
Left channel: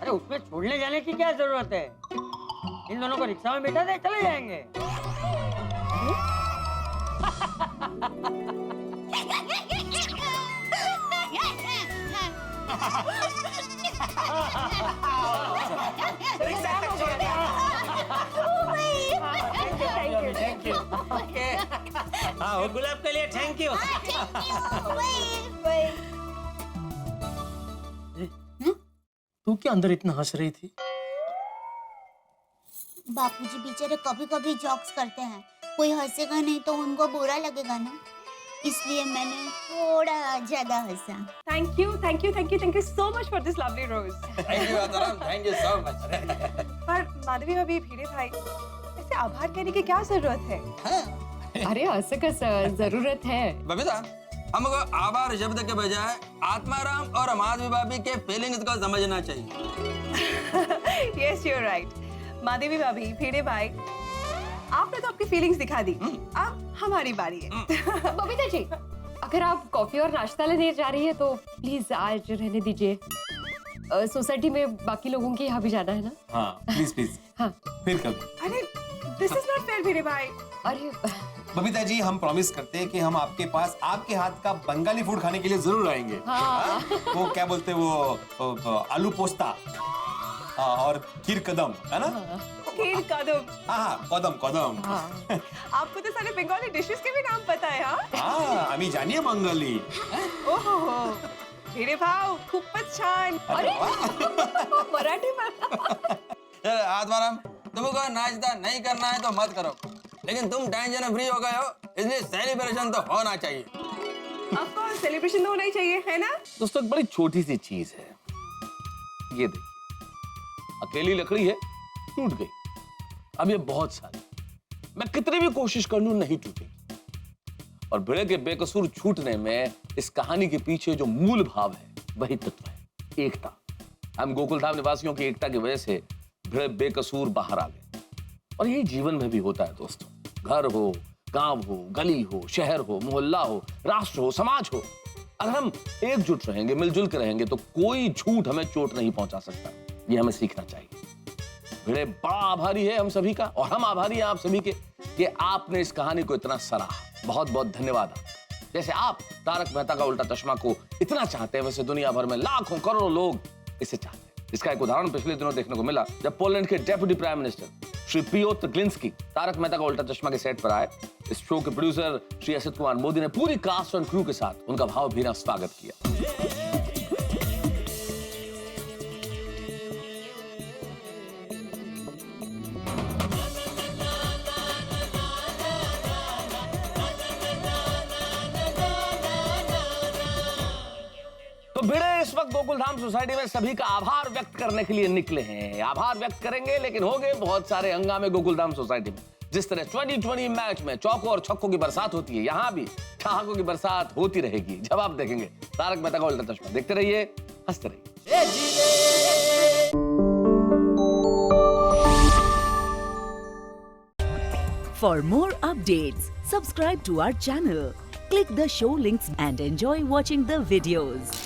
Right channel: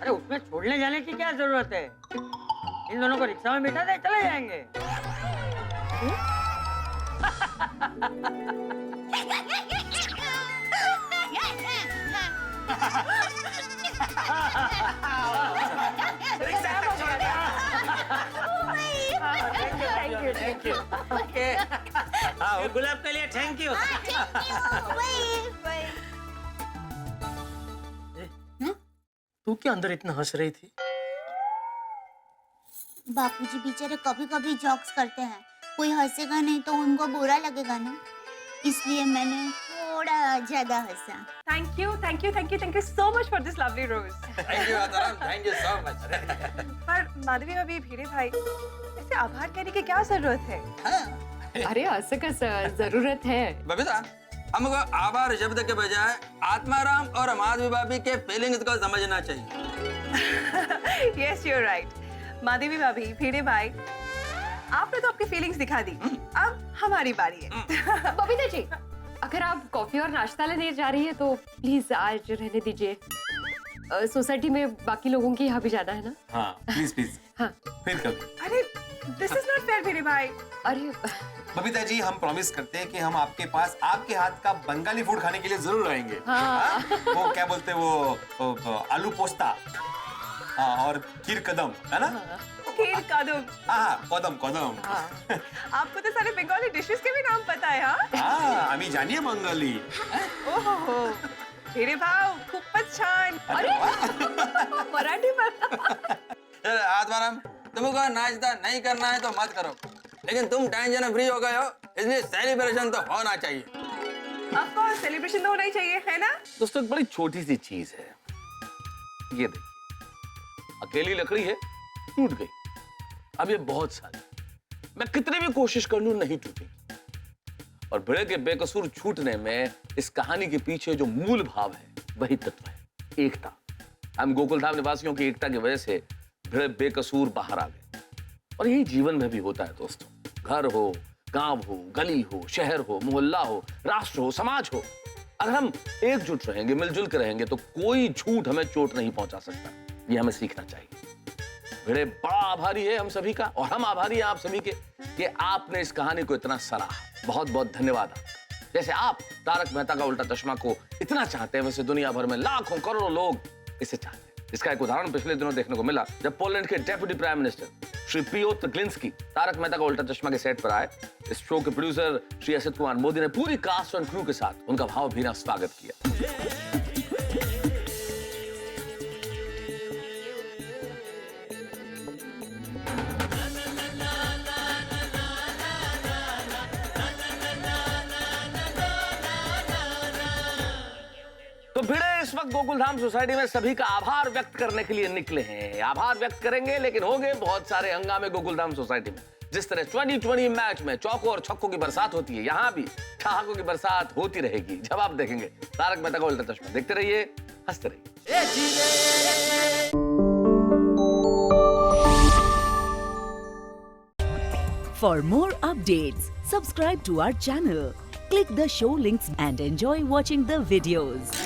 अरे उसमें छोड़ने जाने की क्या जरूरत है? इन दोनों को रिक्शा में बिठा दे, चले जाएंगे। Thank you. हाँ गुलाब के लिए थैंक यू। तू क्या अंदर इतना हंस रही थी? बापूजी बेचारे कभी कभी जॉक्स करते हैं, कोई हंसेगा नहीं तो उनको बुरा लगेगा ना, इसलिए मैंने थोड़ा ज्यादा हंसा। Thank you thank you thank you thank you so much for this lovely rose. Thank you Atmaram, thank you so much. पर माधवी भाभी, भिड़े भाई, ऐसे आभार कहने की क्या जरूरत है? अरे ऐसे कैसे जरूरत है? बबीता, हमको आभार शब्द के बजाय आत्माराम और माधवी भाभी के फीलिंग्स को समझना चाहिए। Yes you are right. Madhavi भाभी, भिड़े भाई, आपने तो आपकी फीलिंग्स दिखा दी, अब हमारी बारी है। बबीता जी, अगर आप कॉफी और नाश्ता लेने जा रही है तो प्लीज आज रहने दीजिए, सोसाइटी में बाकी लोगों के यहाँ भी जाना है ना। हाँ प्लीज प्लीज। हाँ फिर कभी। अरे दिस इज नॉट फेयर भिड़े भाई। अरे बबीता जी, हम प्रॉमिस करते हैं कि हम आपके पास आपके हाथ का बंगाली फूड खाने के लिए जरूर आएंगे। हाँ। वो क्या बोलते हैं वो आलू पोस्ता और खीर कदम, है ना? खीर कदम। हाँ कदम कदम। आपको तो सारे बंगाली डिशेस के भी नाम पता है। हाँ आम्ही जानिए बंगाली। ओहो हो, भिड़े भाऊ खूपच छान। अरे मराठी में। आत्माराम, तुमको नाश्ता नहीं करना है तो मत करो, लेकिन तुम टेंशन फ्री हो गए हो, इसलिए सेलिब्रेशन तो होना चाहिए। ऑफ कोर्स सेलिब्रेशन तो होना ही चाहिए, है ना? दोस्तों एक बड़ी छोटी सी चीज है, ये देखिए, अकेली लकड़ी है, टूट गई। अब ये बहुत सारी, मैं कितनी भी कोशिश कर लूं नहीं टूटेगी। और भिड़े के बेकसूर छूटने में इस कहानी के पीछे जो मूल भाव है वही तत्व है, एकता। हम गोकुलधाम निवासियों की एकता की वजह से भिड़े बेकसूर बाहर आ गए। और यही जीवन में भी होता है दोस्तों। घर हो, गांव हो, गली हो, शहर हो, मोहल्ला हो, राष्ट्र हो, समाज हो, अगर हम एकजुट रहेंगे, मिलजुल कर रहेंगे तो कोई झूठ हमें चोट नहीं पहुंचा सकता। ये हमें सीखना चाहिए। भिड़े बड़ा आभारी है हम सभी का, और हम आभारी हैं आप सभी के कि आपने इस कहानी को इतना सराहा। बहुत बहुत धन्यवाद। जैसे आप तारक मेहता का उल्टा चश्मा को इतना चाहते हैं, वैसे दुनिया भर में लाखों करोड़ों लोग इसे चाहते हैं। इसका एक उदाहरण पिछले दिनों देखने को मिला जब पोलैंड के deputy prime minister Shri Piotr Glinski Taarak Mehta Ka Ooltah चश्मा के सेट पर आए। इस शो के प्रोड्यूसर श्री असित कुमार मोदी ने पूरी कास्ट और क्रू के साथ उनका भावभीना स्वागत किया। तो भिड़े इस वक्त गोकुलधाम सोसाइटी में सभी का आभार व्यक्त करने के लिए निकले हैं। आभार व्यक्त करेंगे, लेकिन होंगे बहुत सारे हंगामे गोकुलधाम सोसाइटी में। जिस तरह 2020 मैच में चौकों और छक्कों की बरसात होती है, यहां भी ठहाकों की बरसात होती रहेगी जब आप देखेंगे तारक मेहता का उल्टा चश्मा। देखते रहिए, हंसते रहिए। For more updates, subscribe to our channel, click the show links and enjoy watching the videos.